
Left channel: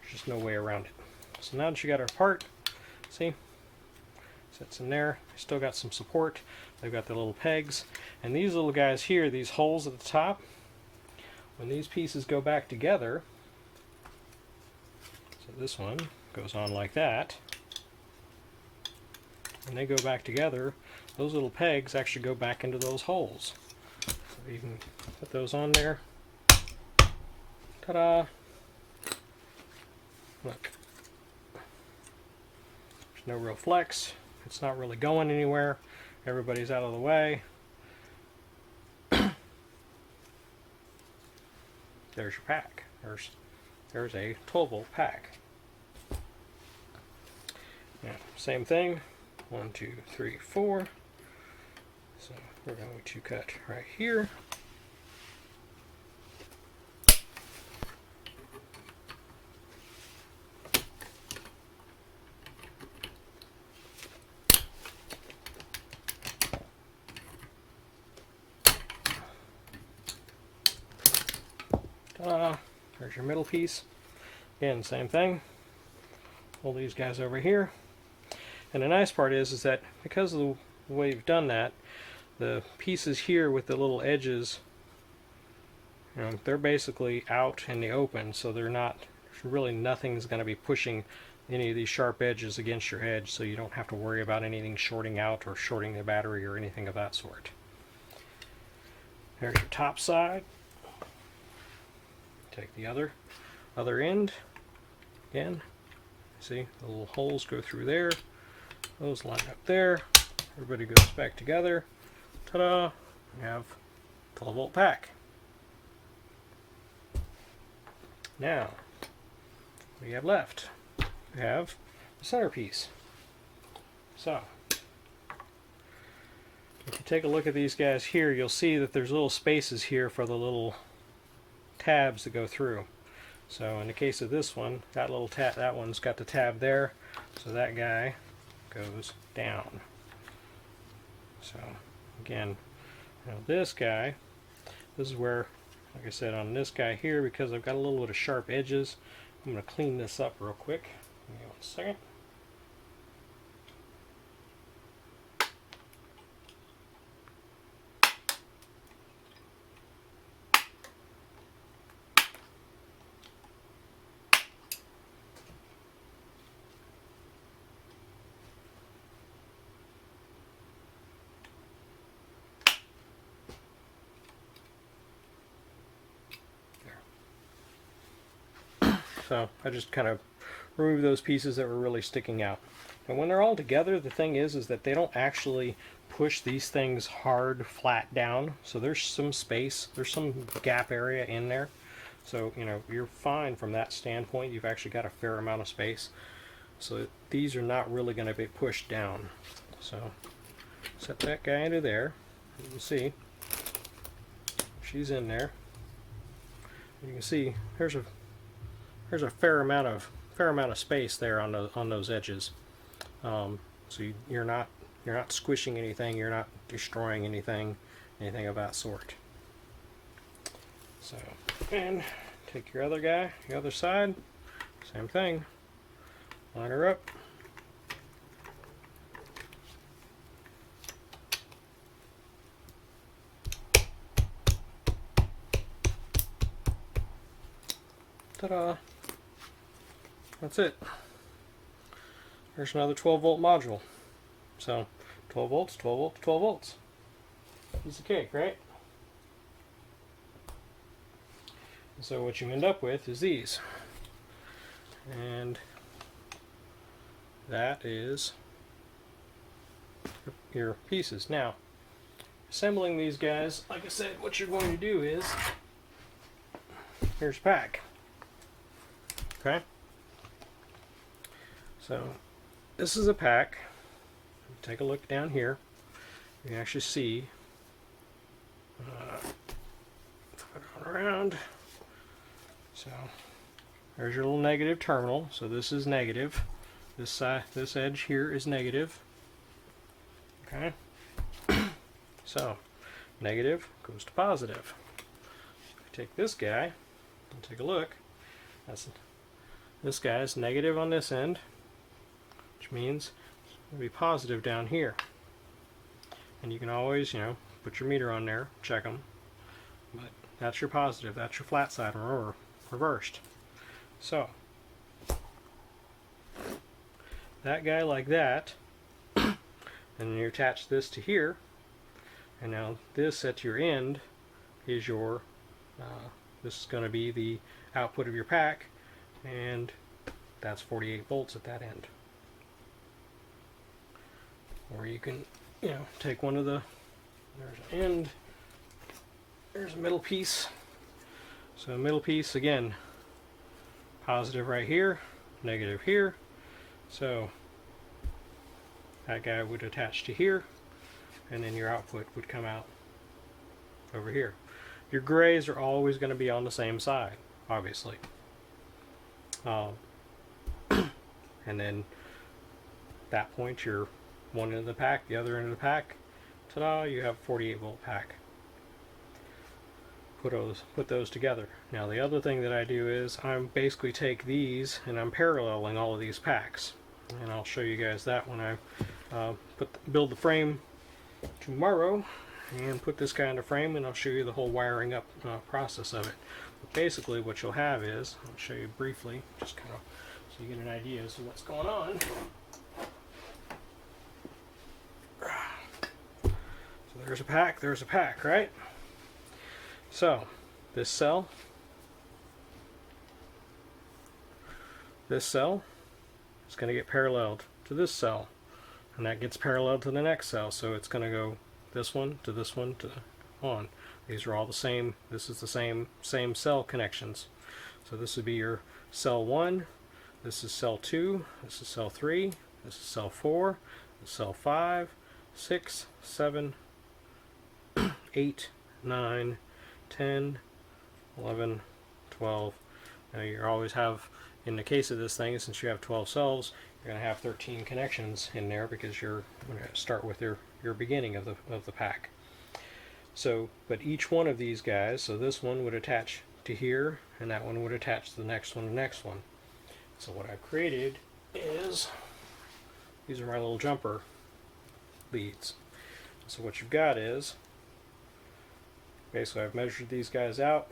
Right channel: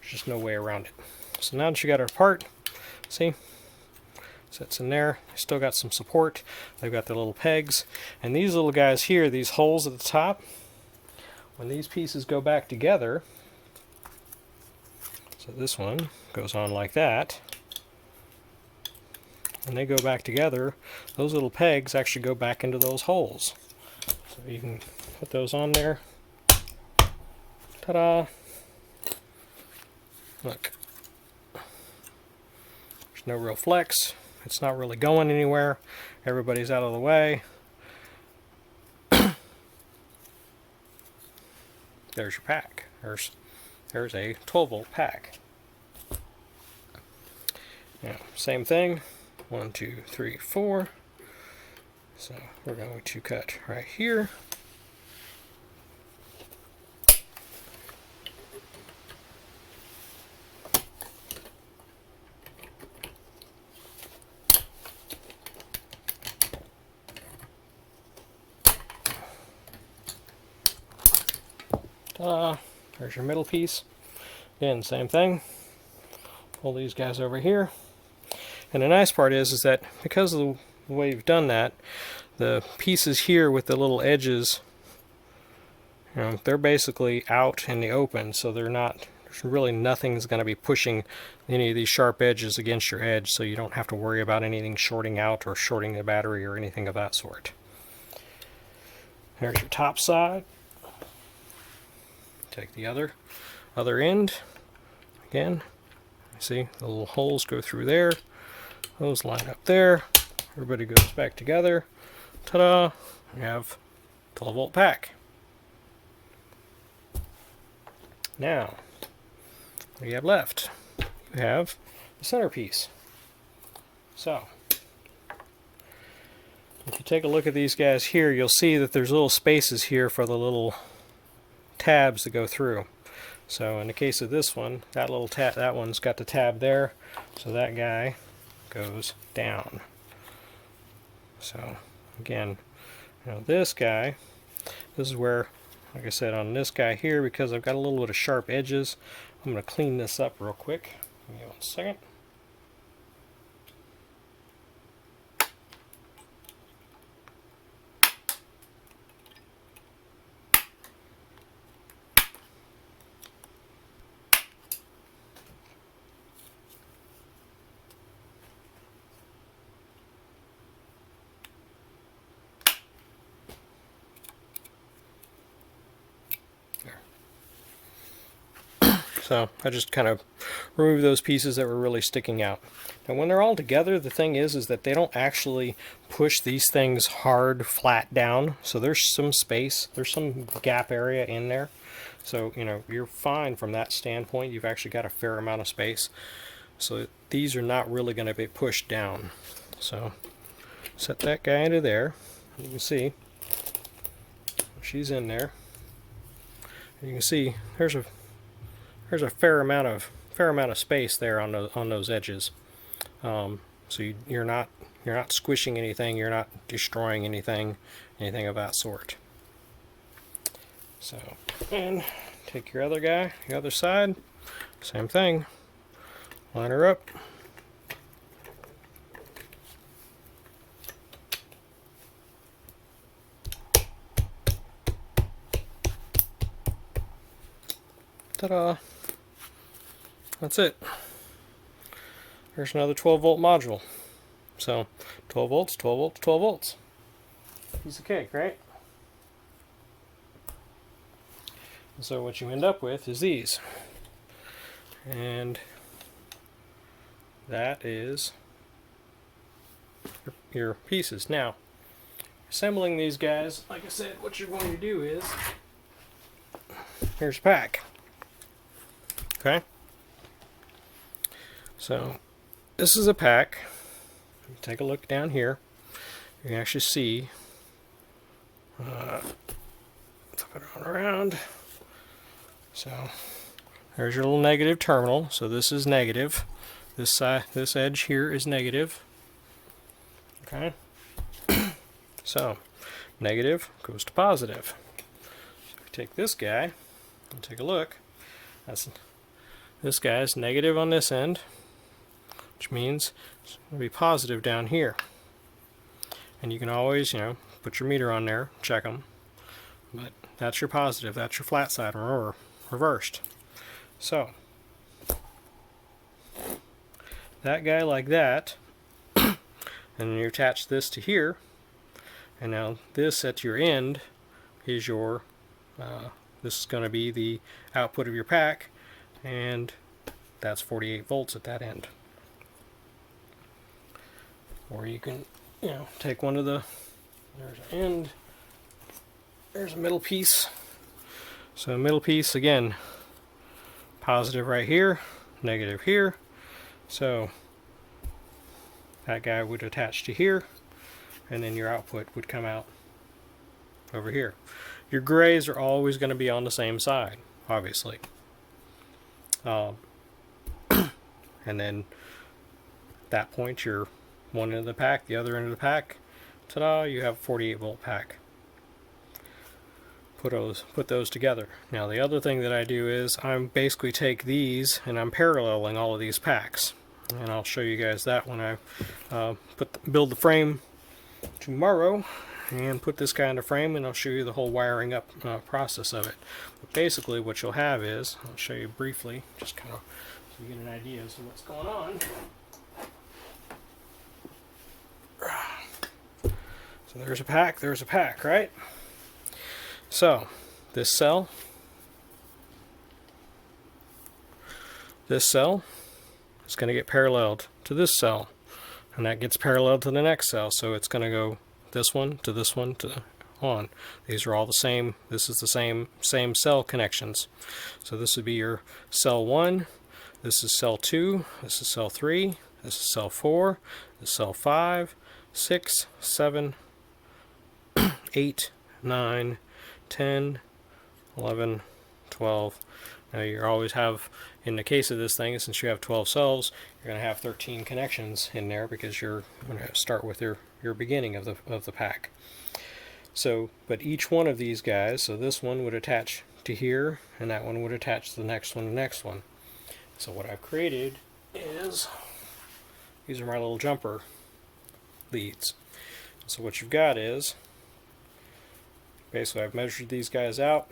There's just no way around it. So now that you got it apart, see, sits in there. Still got some support. They've got the little pegs, and these little guys here, these holes at the top, when these pieces go back together, so this one goes on like that, and they go back together, those little pegs actually go back into those holes. So you can put those on there. Ta-da! Look. There's no real flex. It's not really going anywhere. Everybody's out of the way. There's your pack. There's a 12-volt pack. Yeah, same thing. 1, 2, 3, 4. So we're going to cut right here. There's your middle piece. Again, same thing. Pull these guys over here. And the nice part is that because of the way you've done that, the pieces here with the little edges, you know, they're basically out in the open, so they're not, there's really nothing's going to be pushing any of these sharp edges against your edge, so you don't have to worry about anything shorting out or shorting the battery or anything of that sort. There's your top side. Take the other end. Again, see the little holes go through there. Those line up there. Everybody goes back together. Ta-da! You have 12-volt pack. Now, what do you have left? You have the centerpiece. So, if you take a look at these guys here, you'll see that there's little spaces here for the little tabs that go through. So in the case of this one, that little tab, that one's got the tab there, so that guy goes down. So again, you know, this guy, this is where, like I said, on this guy here, because I've got a little bit of sharp edges, I'm going to clean this up real quick. Give me 1 second. So I just kind of remove those pieces that were really sticking out. And when they're all together, the thing is that they don't actually push these things hard, flat down. So there's some space, there's some gap area in there. So, you know, you're fine from that standpoint. You've actually got a fair amount of space. So these are not really going to be pushed down. So set that guy into there. You can see she's in there. You can see there's a fair amount of space there on those edges. So you're not squishing anything, you're not destroying anything of that sort. So, and take your other guy, the other side, same thing. Line her up. Ta-da! That's it. Here's another 12-volt module. So 12 volts, 12 volts, 12 volts. Piece of cake, right? And so what you end up with is these. And that is your pieces. Now, assembling these guys, like I said, what you're going to do is, here's a pack. Okay? So, this is a pack. Take a look down here. You can actually see, flip it around. So, there's your little negative terminal. So this is negative. This side, this edge here is negative. Okay? So, negative goes to positive. So if we take this guy and take a look, this guy is negative on this end, which means it's going to be positive down here. And you can always, put your meter on there, check them. But that's your positive, that's your flat side, or reversed. So that guy like that, and then you attach this to here, and now this at your end is your, this is going to be the output of your pack, and that's 48 volts at that end. Or you can, take one of the, there's an end, there's a middle piece. So middle piece, again, positive right here, negative here. So that guy would attach to here, and then your output would come out over here. Your grays are always going to be on the same side, obviously. And then at that point, you're one end of the pack, the other end of the pack. Ta-da! You have a 48 volt pack. Put those together. Now the other thing that I do is I basically take these and I'm paralleling all of these packs, and I'll show you guys that when I build the frame tomorrow and put this guy in the frame, and I'll show you the whole wiring up process of it. But basically what you'll have is, I'll show you briefly, just kind of so you get an idea as to what's going on. So there's a pack, right? So this cell is going to get paralleled to this cell, and that gets paralleled to the next cell, so it's going to go this one to this one to on. These are all the same. This is the same cell connections. So this would be your cell 1, this is cell 2, this is cell 3, this is cell 4, this is cell 5, 6, 7, 8, 9, 10, 11, 12. Now you always have, in the case of this thing, since you have 12 cells, you're going to have 13 connections in there because you're going to start with your beginning of the pack. So, but each one of these guys, so this one would attach to here, and that one would attach to the next one, and the next one. So what I've created is, these are my little jumper leads. So what you've got is, basically I've measured these guys out.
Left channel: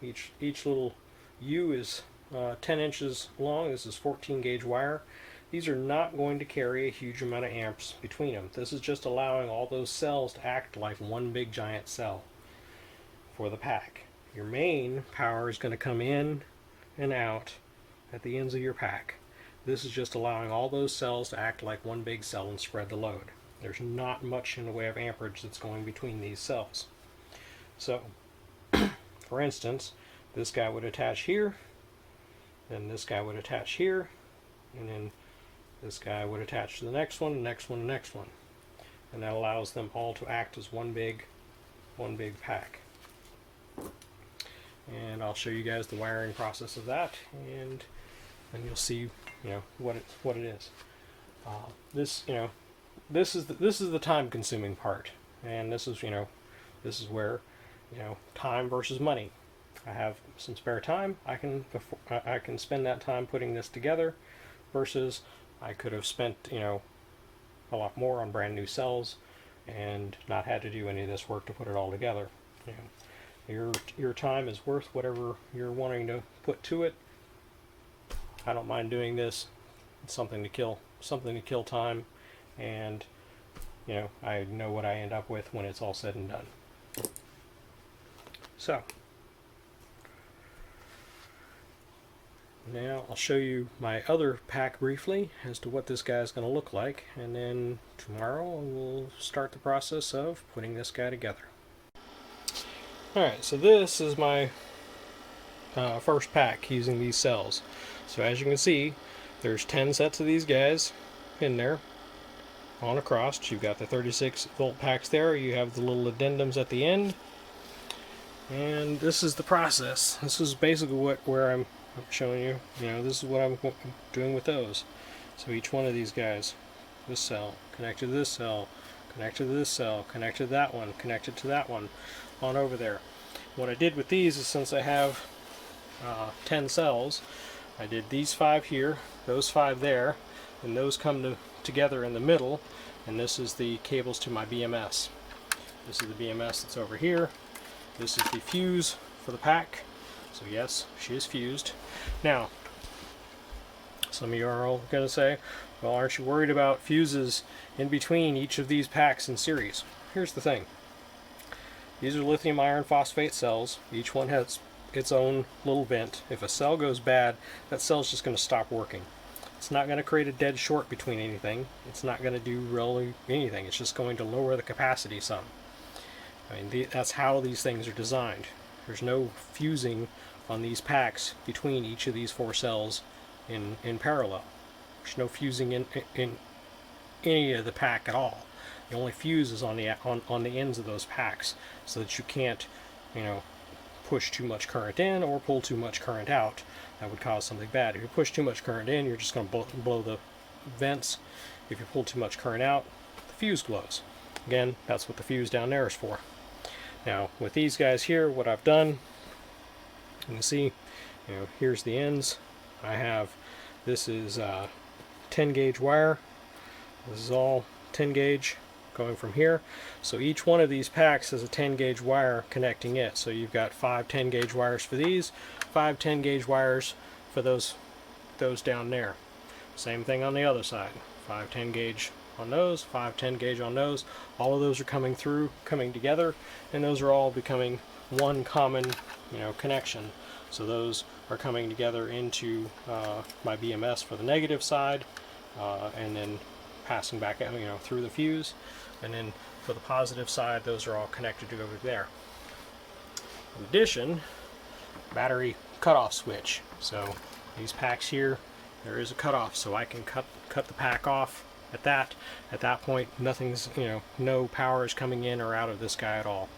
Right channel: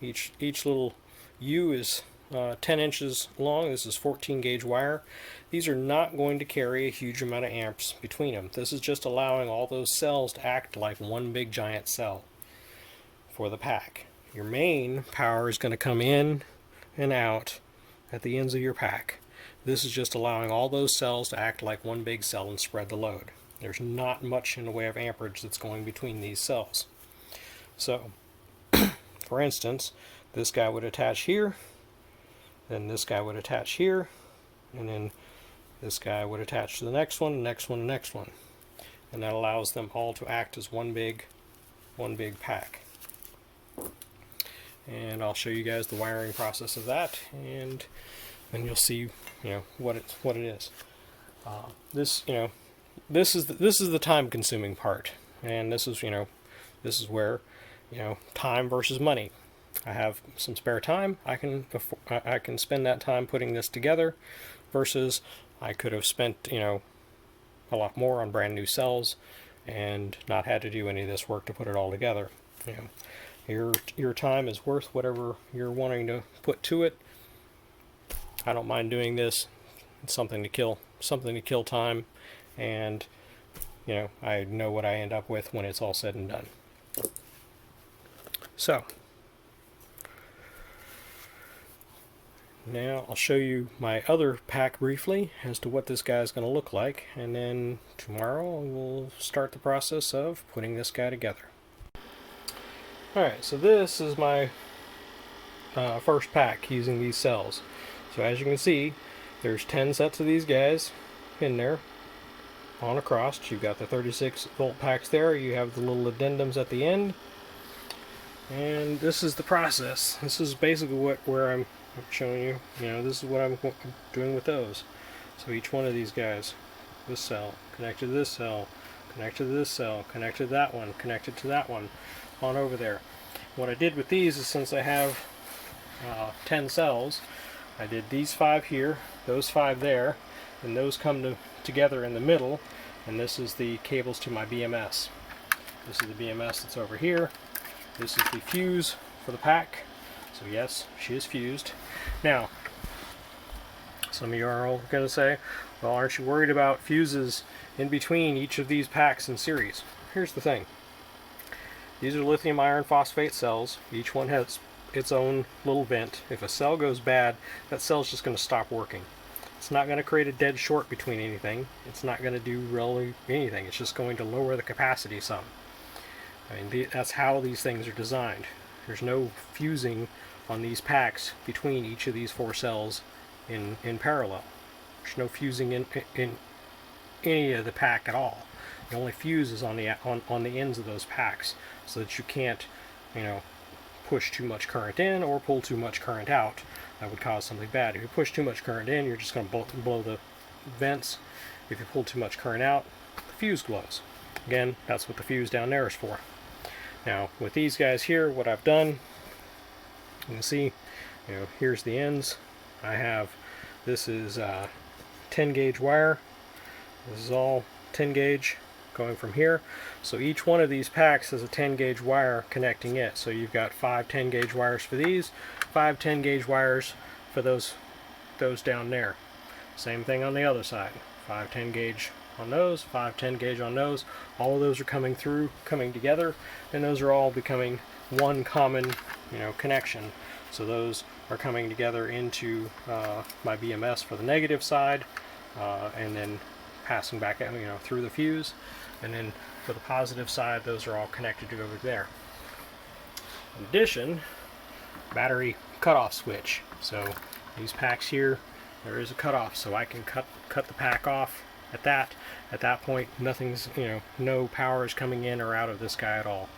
Each little U is 10 inches long. This is 14 gauge wire. These are not going to carry a huge amount of amps between them. This is just allowing all those cells to act like one big giant cell for the pack. Your main power is going to come in and out at the ends of your pack. This is just allowing all those cells to act like one big cell and spread the load. There's not much in the way of amperage that's going between these cells. So, for instance, this guy would attach here, then this guy would attach here, and then this guy would attach to the next one, the next one, the next one. And that allows them all to act as one big pack. And I'll show you guys the wiring process of that, and then you'll see, what it is. This is the time-consuming part, and this is where, time versus money. I have some spare time. I can spend that time putting this together, versus I could have spent a lot more on brand new cells and not had to do any of this work to put it all together. Your time is worth whatever you're wanting to put to it. I don't mind doing this. It's something to kill time, and I know what I end up with when it's all said and done. So now I'll show you my other pack briefly as to what this guy is going to look like, and then tomorrow we'll start the process of putting this guy together. Alright, so this is my first pack using these cells. So as you can see, there's 10 sets of these guys in there on across. You've got the 36 volt packs there, you have the little addendums at the end, and this is the process. This is basically where I'm showing you, this is what I'm doing with those. So each one of these guys, this cell connected to this cell, connected to this cell, connected to that one, connected to that one, on over there. What I did with these is, since I have 10 cells, I did these 5 here, those 5 there, and those come together in the middle, and this is the cables to my BMS. This is the BMS that's over here. This is the fuse for the pack. So yes, she is fused. Now, some of you are all going to say, well, aren't you worried about fuses in between each of these packs in series? Here's the thing. These are lithium iron phosphate cells. Each one has its own little vent. If a cell goes bad, that cell's just going to stop working. It's not going to create a dead short between anything. It's not going to do really anything. It's just going to lower the capacity some. I mean, that's how these things are designed. There's no fusing on these packs between each of these 4 cells in parallel. There's no fusing in any of the pack at all. The only fuse is on the ends of those packs, so that you can't, push too much current in or pull too much current out. That would cause something bad. If you push too much current in, you're just going to blow the vents. If you pull too much current out, the fuse glows. Again, that's what the fuse down there is for. Now, with these guys here, what I've done, you can see, here's the ends. I have, this is 10 gauge wire. This is all 10 gauge going from here. So each one of these packs has a 10 gauge wire connecting it. So you've got 5 10 gauge wires for these, 5 10 gauge wires for those down there. Same thing on the other side. 5 10 gauge on those, 5 10 gauge on those. All of those are coming together, and those are all becoming one common, connection. So those are coming together into my BMS for the negative side, and then passing back out, through the fuse. And then for the positive side, those are all connected to over there. In addition, battery cutoff switch. So these packs here, there is a cutoff, so I can cut the pack off at that point. Nothing's, no power is coming in or out of this guy at all.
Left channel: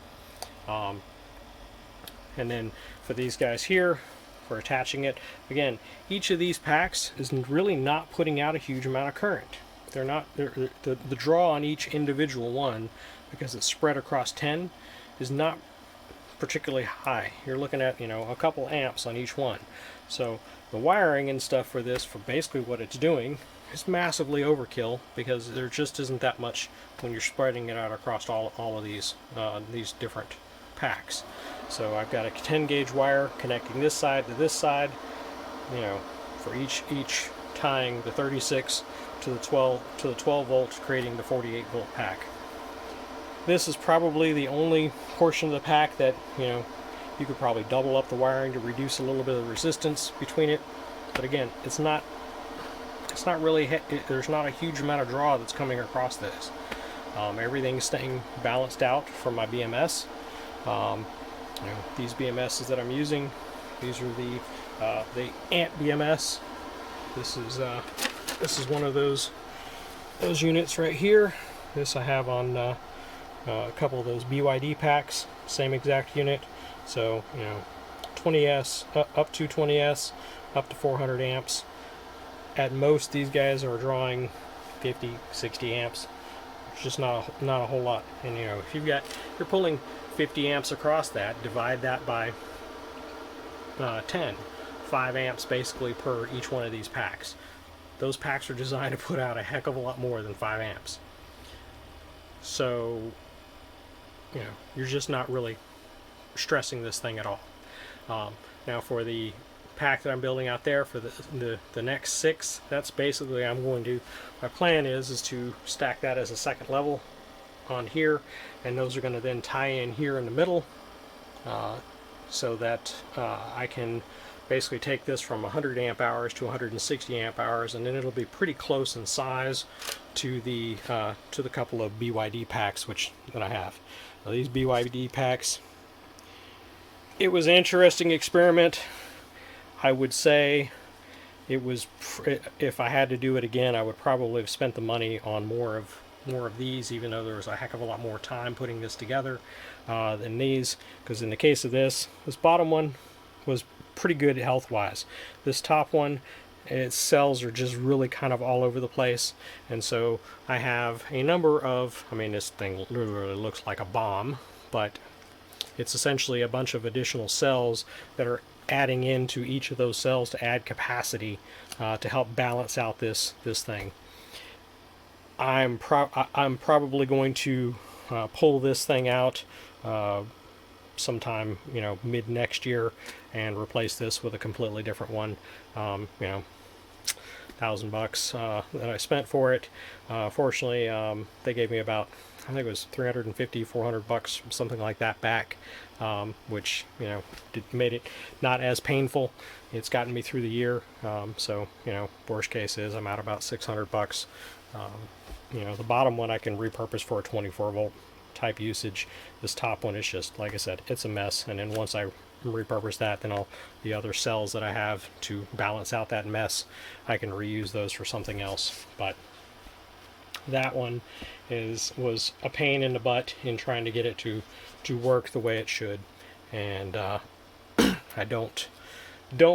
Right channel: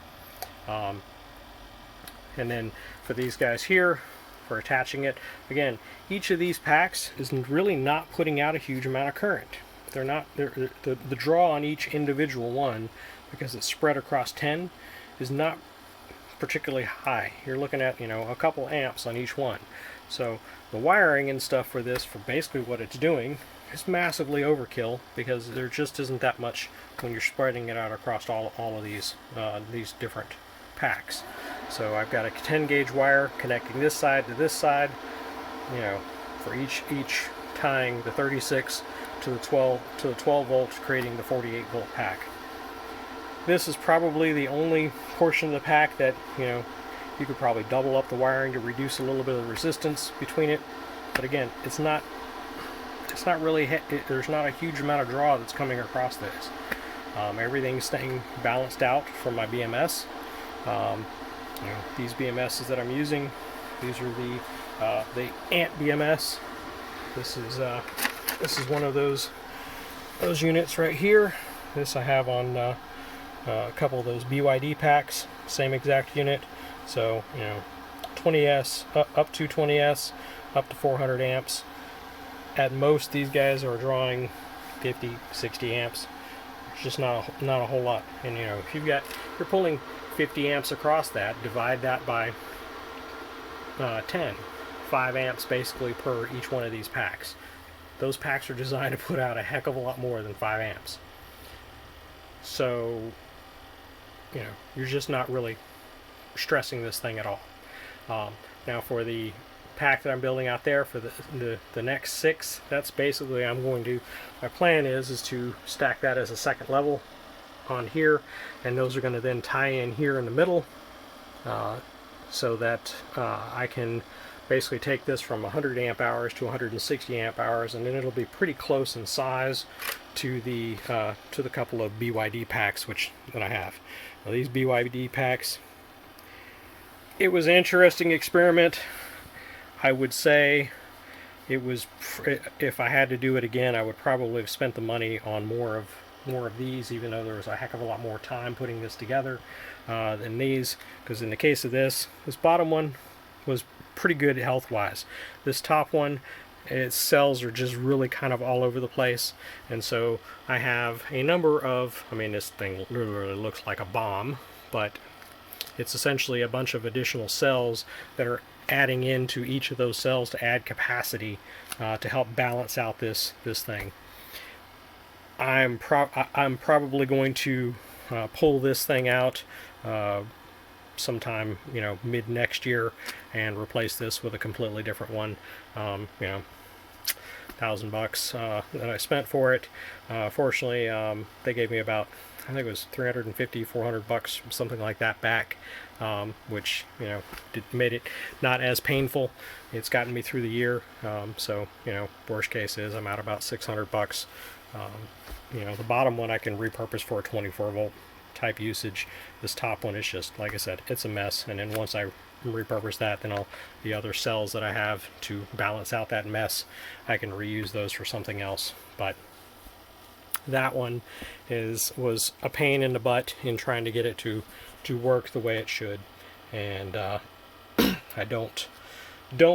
And then for these guys here, for attaching it, again, each of these packs is really not putting out a huge amount of current. They're not, the draw on each individual one, because it's spread across 10, is not particularly high. You're looking at, a couple amps on each one. So the wiring and stuff for this, for basically what it's doing, is massively overkill, because there just isn't that much when you're spreading it out across all of these different packs. So I've got a 10 gauge wire connecting this side to this side, for each tying the 36 to the 12 volts, creating the 48 volt pack. This is probably the only portion of the pack that you could probably double up the wiring to reduce a little bit of the resistance between it. But again, it's not really, there's not a huge amount of draw that's coming across this. Everything's staying balanced out from my BMS. These BMSs that I'm using, these are the Ant BMS. This is one of those units right here. This I have on a couple of those BYD packs, same exact unit. So 20S up to 20S, up to 400 amps. At most, these guys are drawing 50, 60 amps. It's just not a whole lot. And if you're pulling 50 amps across that, divide that by 10. 5 amps basically per each one of these packs. Those packs are designed to put out a heck of a lot more than 5 amps. So, you're just not really stressing this thing at all. Now for the pack that I'm building out there for the next 6, that's basically my plan is to stack that as a second level on here, and those are going to then tie in here in the middle, so that I can basically take this from 100 amp hours to 160 amp hours, and then it'll be pretty close in size to the couple of BYD packs that I have. Now, these BYD packs, it was an interesting experiment. I would say it was, if I had to do it again, I would probably have spent the money on more of these, even though there was a heck of a lot more time putting this together than these. Because in the case of this bottom one was pretty good health wise. This top one its cells are just really kind of all over the place. And so I have a number of, I mean, this thing literally looks like a bomb, but it's essentially a bunch of additional cells that are adding into each of those cells to add capacity to help balance out this thing. I'm probably going to pull this thing out sometime, you know, mid next year, and replace this with a completely different one. You know, $1,000 that I spent for it. Fortunately, they gave me about, I think it was 350, 400 bucks, something like that back, which, you know, made it not as painful. It's gotten me through the year. So, you know, worst case is I'm out about 600 bucks. You know, the bottom one I can repurpose for a 24 volt type usage. This top one is just, like I said, it's a mess. And then once I repurpose that, then the other cells that I have to balance out that mess, I can reuse those for something else. But that one was a pain in the butt in trying to get it to work the way it should, and I don't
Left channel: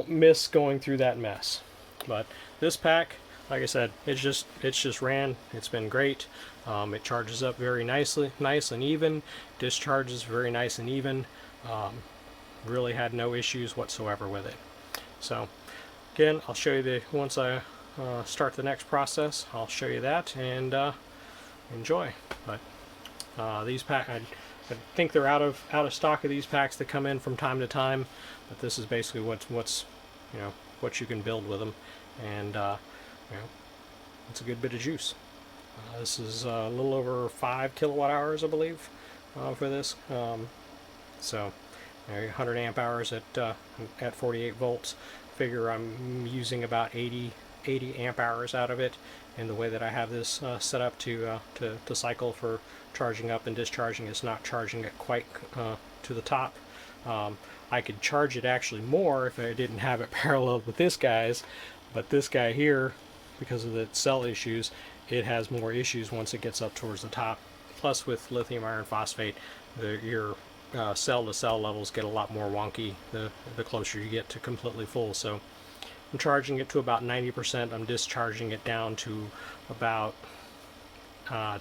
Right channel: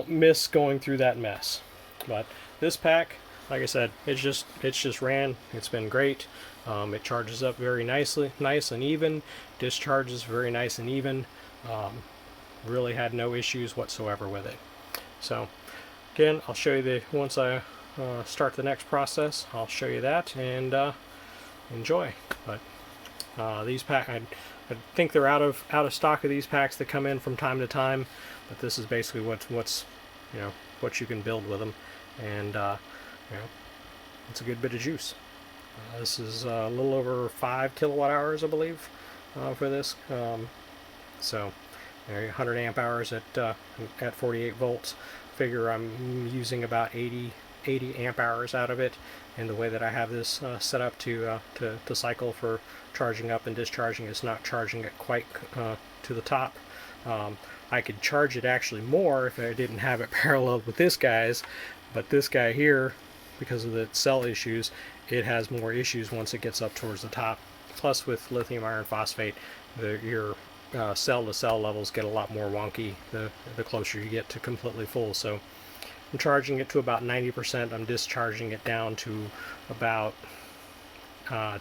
miss going through that mess. But this pack, like I said, it's just ran. It's been great. It charges up very nice and even. Discharges very nice and even. Really had no issues whatsoever with it. So again, I'll show you once I start the next process. I'll show you that, and enjoy. But these packs, I think they're out of stock of these packs that come in from time to time. But this is basically what's you know, what you can build with them, and you know, it's a good bit of juice. This is a little over 5 kilowatt hours, I believe, for this. So, you know, 100 amp hours at 48 volts. Figure I'm using about 80 amp hours out of it. And the way that I have this set up to cycle for charging up and discharging, is not charging it quite to the top. I could charge it actually more if I didn't have it paralleled with this guy's, but this guy here, because of the cell issues, it has more issues once it gets up towards the top. Plus, with lithium iron phosphate, your cell to cell levels get a lot more wonky the closer you get to completely full. So I'm charging it to about 90%. I'm discharging it down to about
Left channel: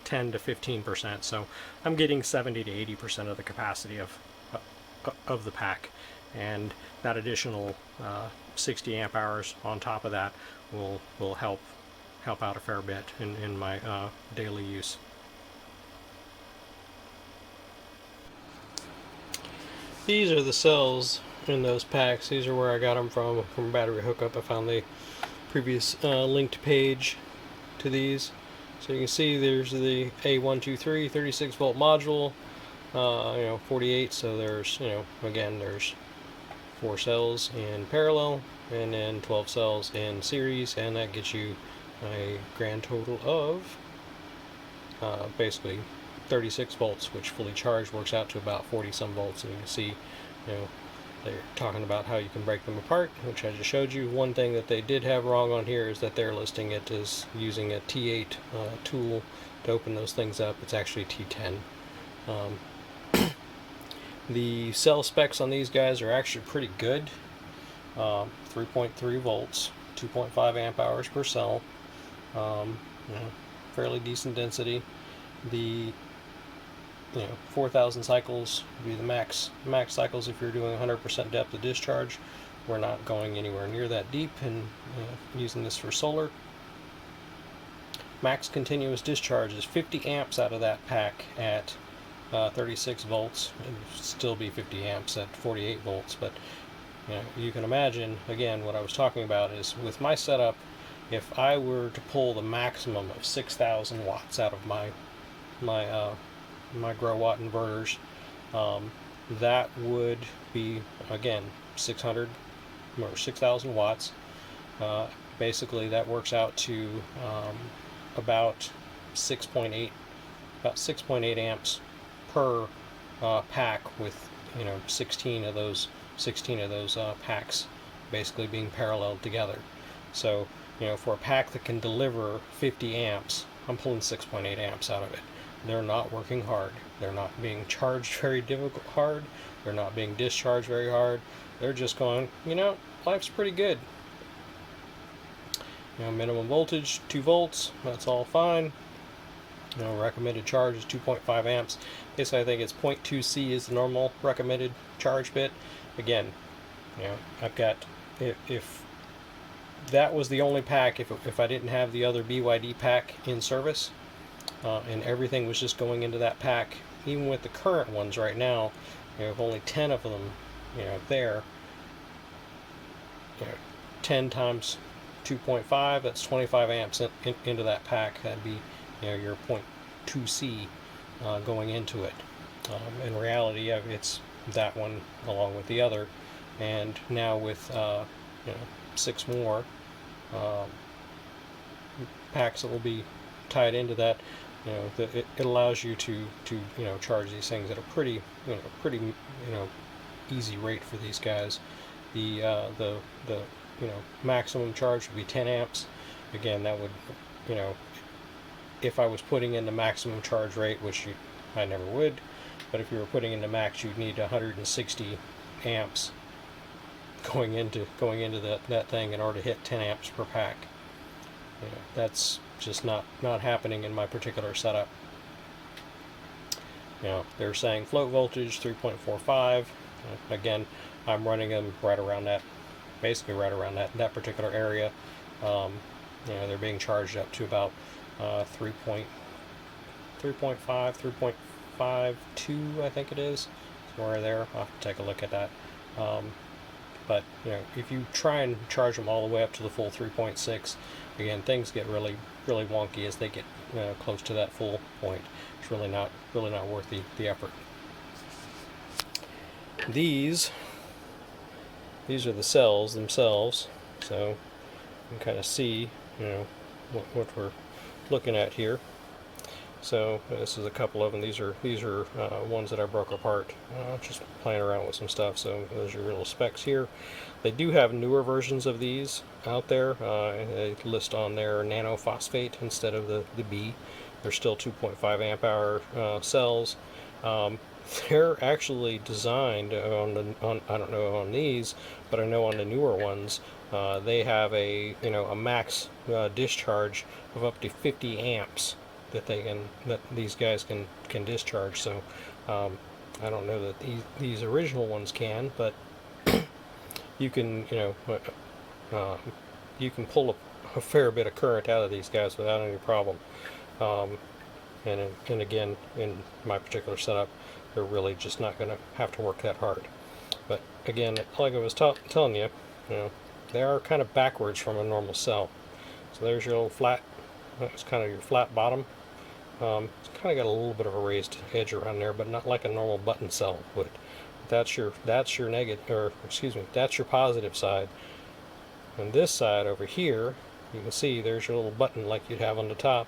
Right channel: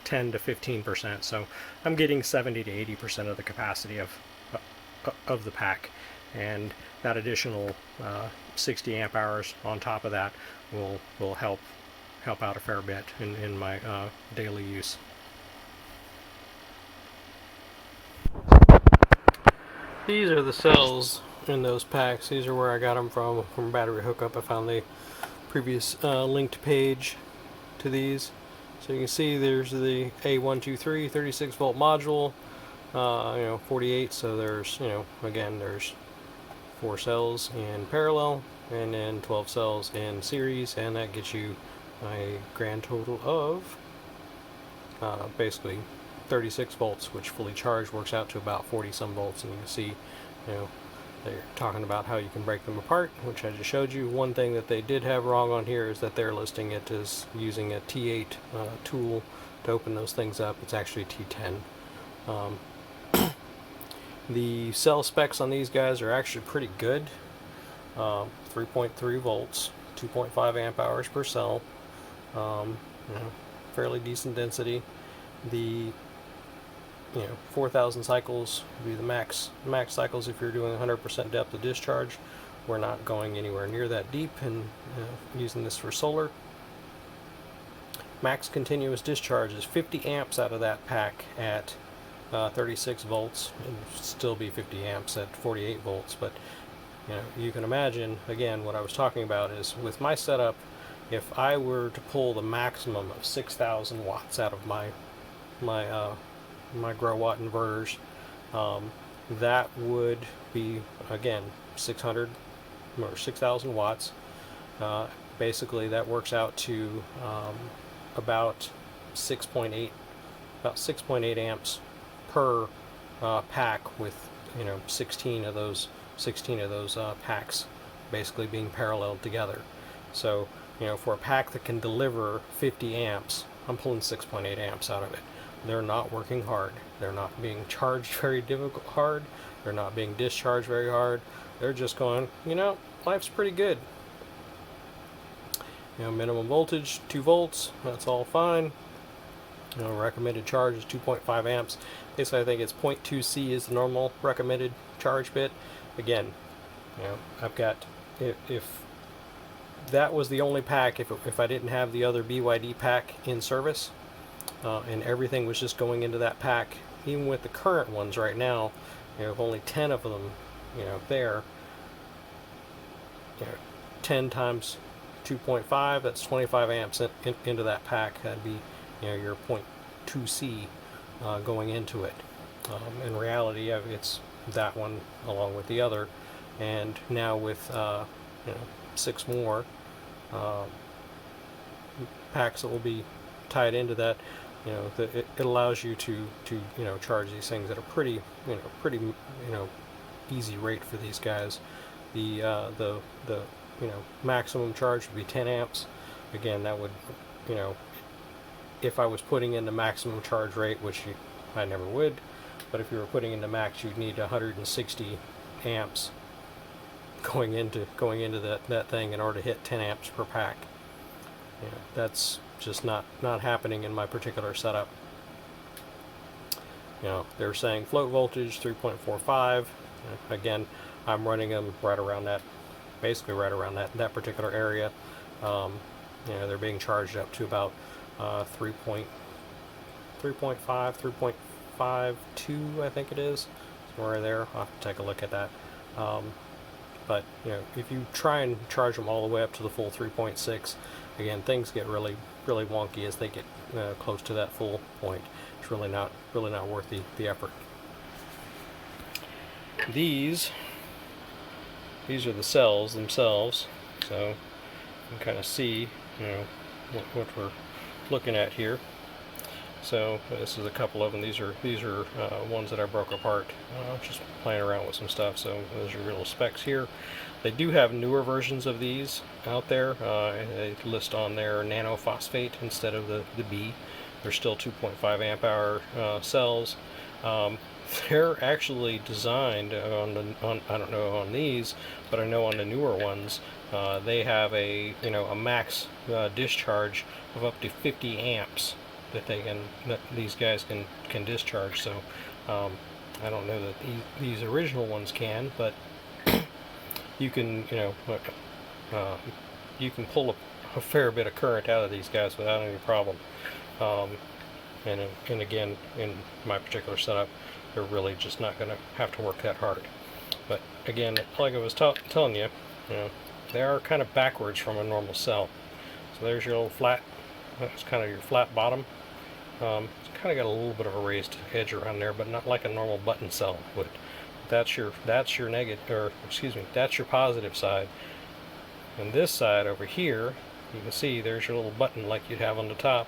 10 to 15%. So I'm getting 70 to 80% of the capacity of the pack, and that additional 60 amp hours on top of that will help out a fair bit in my daily use. These are the cells in those packs. These are where I got them from Battery Hookup. I found the previous linked page to these. So you can see there's the A123 36 volt module, you know, 48. So there's, you know, again, there's 4 cells in parallel and then 12 cells in series, and that gets you a grand total of basically 36 volts, which fully charged works out to about 40 some volts. And you can see, you know, they're talking about how you can break them apart, which I just showed you. One thing that they did have wrong on here is that they're listing it as using a T8 tool to open those things up. It's actually T10. The cell specs on these guys are actually pretty good. 3.3 volts, 2.5 amp hours per cell, you know, fairly decent density. The 4,000 cycles would be the max cycles if you're doing 100% depth of discharge. We're not going anywhere near that deep, and using this for solar. Max continuous discharge is 50 amps out of that pack at 36 volts. It would still be 50 amps at 48 volts, but you know, you can imagine, again, what I was talking about is with my setup, if I were to pull the maximum of 6,000 watts out of my grow watt inverters, that would be, again, 600 or 6,000 watts. Basically, that works out to about 6.8 amps per pack, with 16 of those packs basically being paralleled together. So for a pack that can deliver 50 amps, I'm pulling 6.8 amps out of it. They're not working hard. They're not being charged very hard. They're not being discharged very hard. They're just going, life's pretty good. minimum voltage 2 volts, that's all fine. Recommended charge is 2.5 amps. Basically, I think it's 0.2 C is the normal recommended charge bit. Again, I've got, if that was the only pack, if I didn't have the other BYD pack in service, and everything was just going into that pack, even with the current ones right now, only 10 of them, there, 10 times 2.5, that's 25 amps into that pack. That'd be, your 0.2 C going into it. In reality, it's that one along with the other, and now with 6 more packs that will be tied into that, it allows you to charge these things at a pretty easy rate for these guys. The maximum charge would be 10 amps. Again, that would, if I was putting in the maximum charge rate, which I never would, but if you were putting in the max, you'd need 160 amps going into that thing in order to hit 10 amps per pack. That's just not happening in my particular setup. They're saying float voltage 3.45. Again, I'm running them right around that, basically right around that particular area. They're being charged up to about 3.5, 3.52, I think it is. Somewhere there. I'll have to take a look at that. But if you try and charge them all the way up to the full 3.6, again, things get really wonky as they get close to that full point. It's really not worth the effort. These are the cells themselves, so you can kind of see what we're looking at here. So this is a couple of them. These are ones that I broke apart, just playing around with some stuff. So those are your little specs here. They do have newer versions of these out there. They list on their nanophosphate instead of the B. They're still 2.5 amp hour cells. They're actually designed on I don't know on these, but I know on the newer ones they have a max discharge of up to 50 amps that these guys can discharge. So I don't know that these original ones can, but you can you can pull a fair bit of current out of these guys without any problem. And again, in my particular setup, they're really just not going to have to work that hard. But again, like I was telling you, they are kind of backwards from a normal cell. So there's your little flat. That's kind of your flat bottom. It's kind of got a little bit of a raised edge around there, but not like a normal button cell would. That's your negative, or excuse me, that's your positive side. And this side over here, you can see there's your little button like you'd have on the top,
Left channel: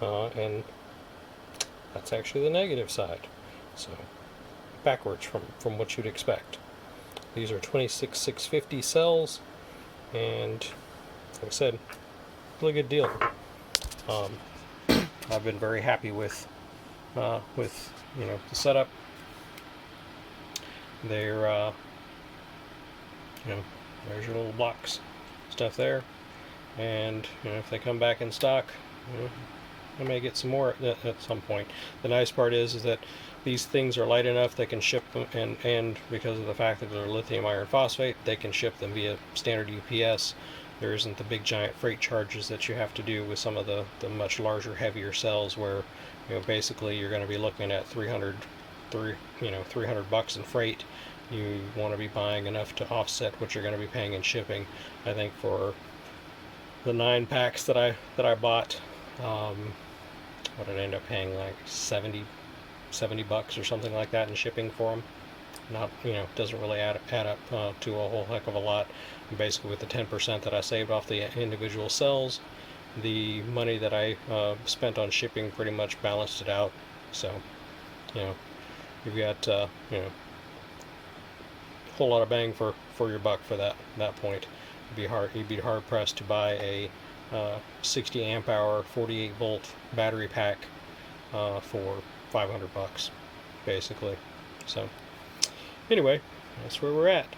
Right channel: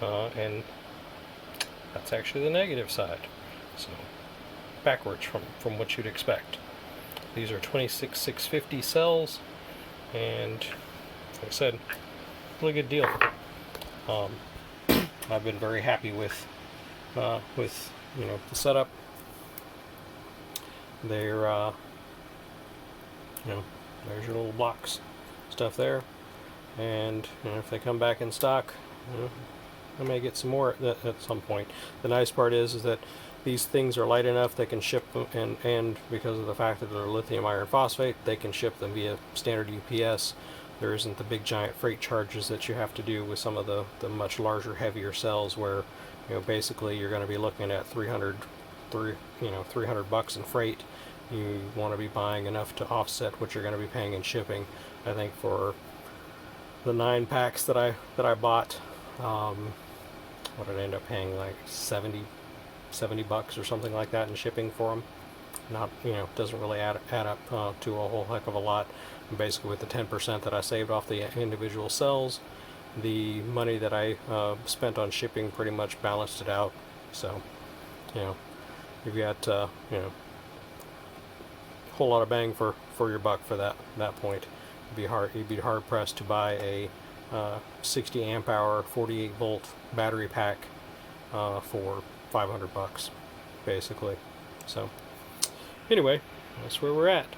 and that's actually the negative side. So backwards from what you'd expect. These are 26650 cells, and like I said, really good deal. I've been very happy with the setup. They're there's your little blocks stuff there, and if they come back in stock, I may get some more at some point. The nice part is that these things are light enough they can ship them, and because of the fact that they're lithium iron phosphate, they can ship them via standard UPS. There isn't the big giant freight charges that you have to do with some of the much larger, heavier cells, where basically you're going to be looking at $300 in freight. You want to be buying enough to offset what you're going to be paying in shipping. I think for the 9 packs that I bought, what did I end up paying, like $70 or something like that in shipping for them. Not, doesn't really add up to a whole heck of a lot. And basically, with the 10% that I saved off the individual cells, the money that I spent on shipping pretty much balanced it out. So, you've got a whole lot of bang for your buck for that point. You'd be hard pressed to buy a 60 amp hour 48 volt battery pack for $500 basically. So anyway, that's where we're at.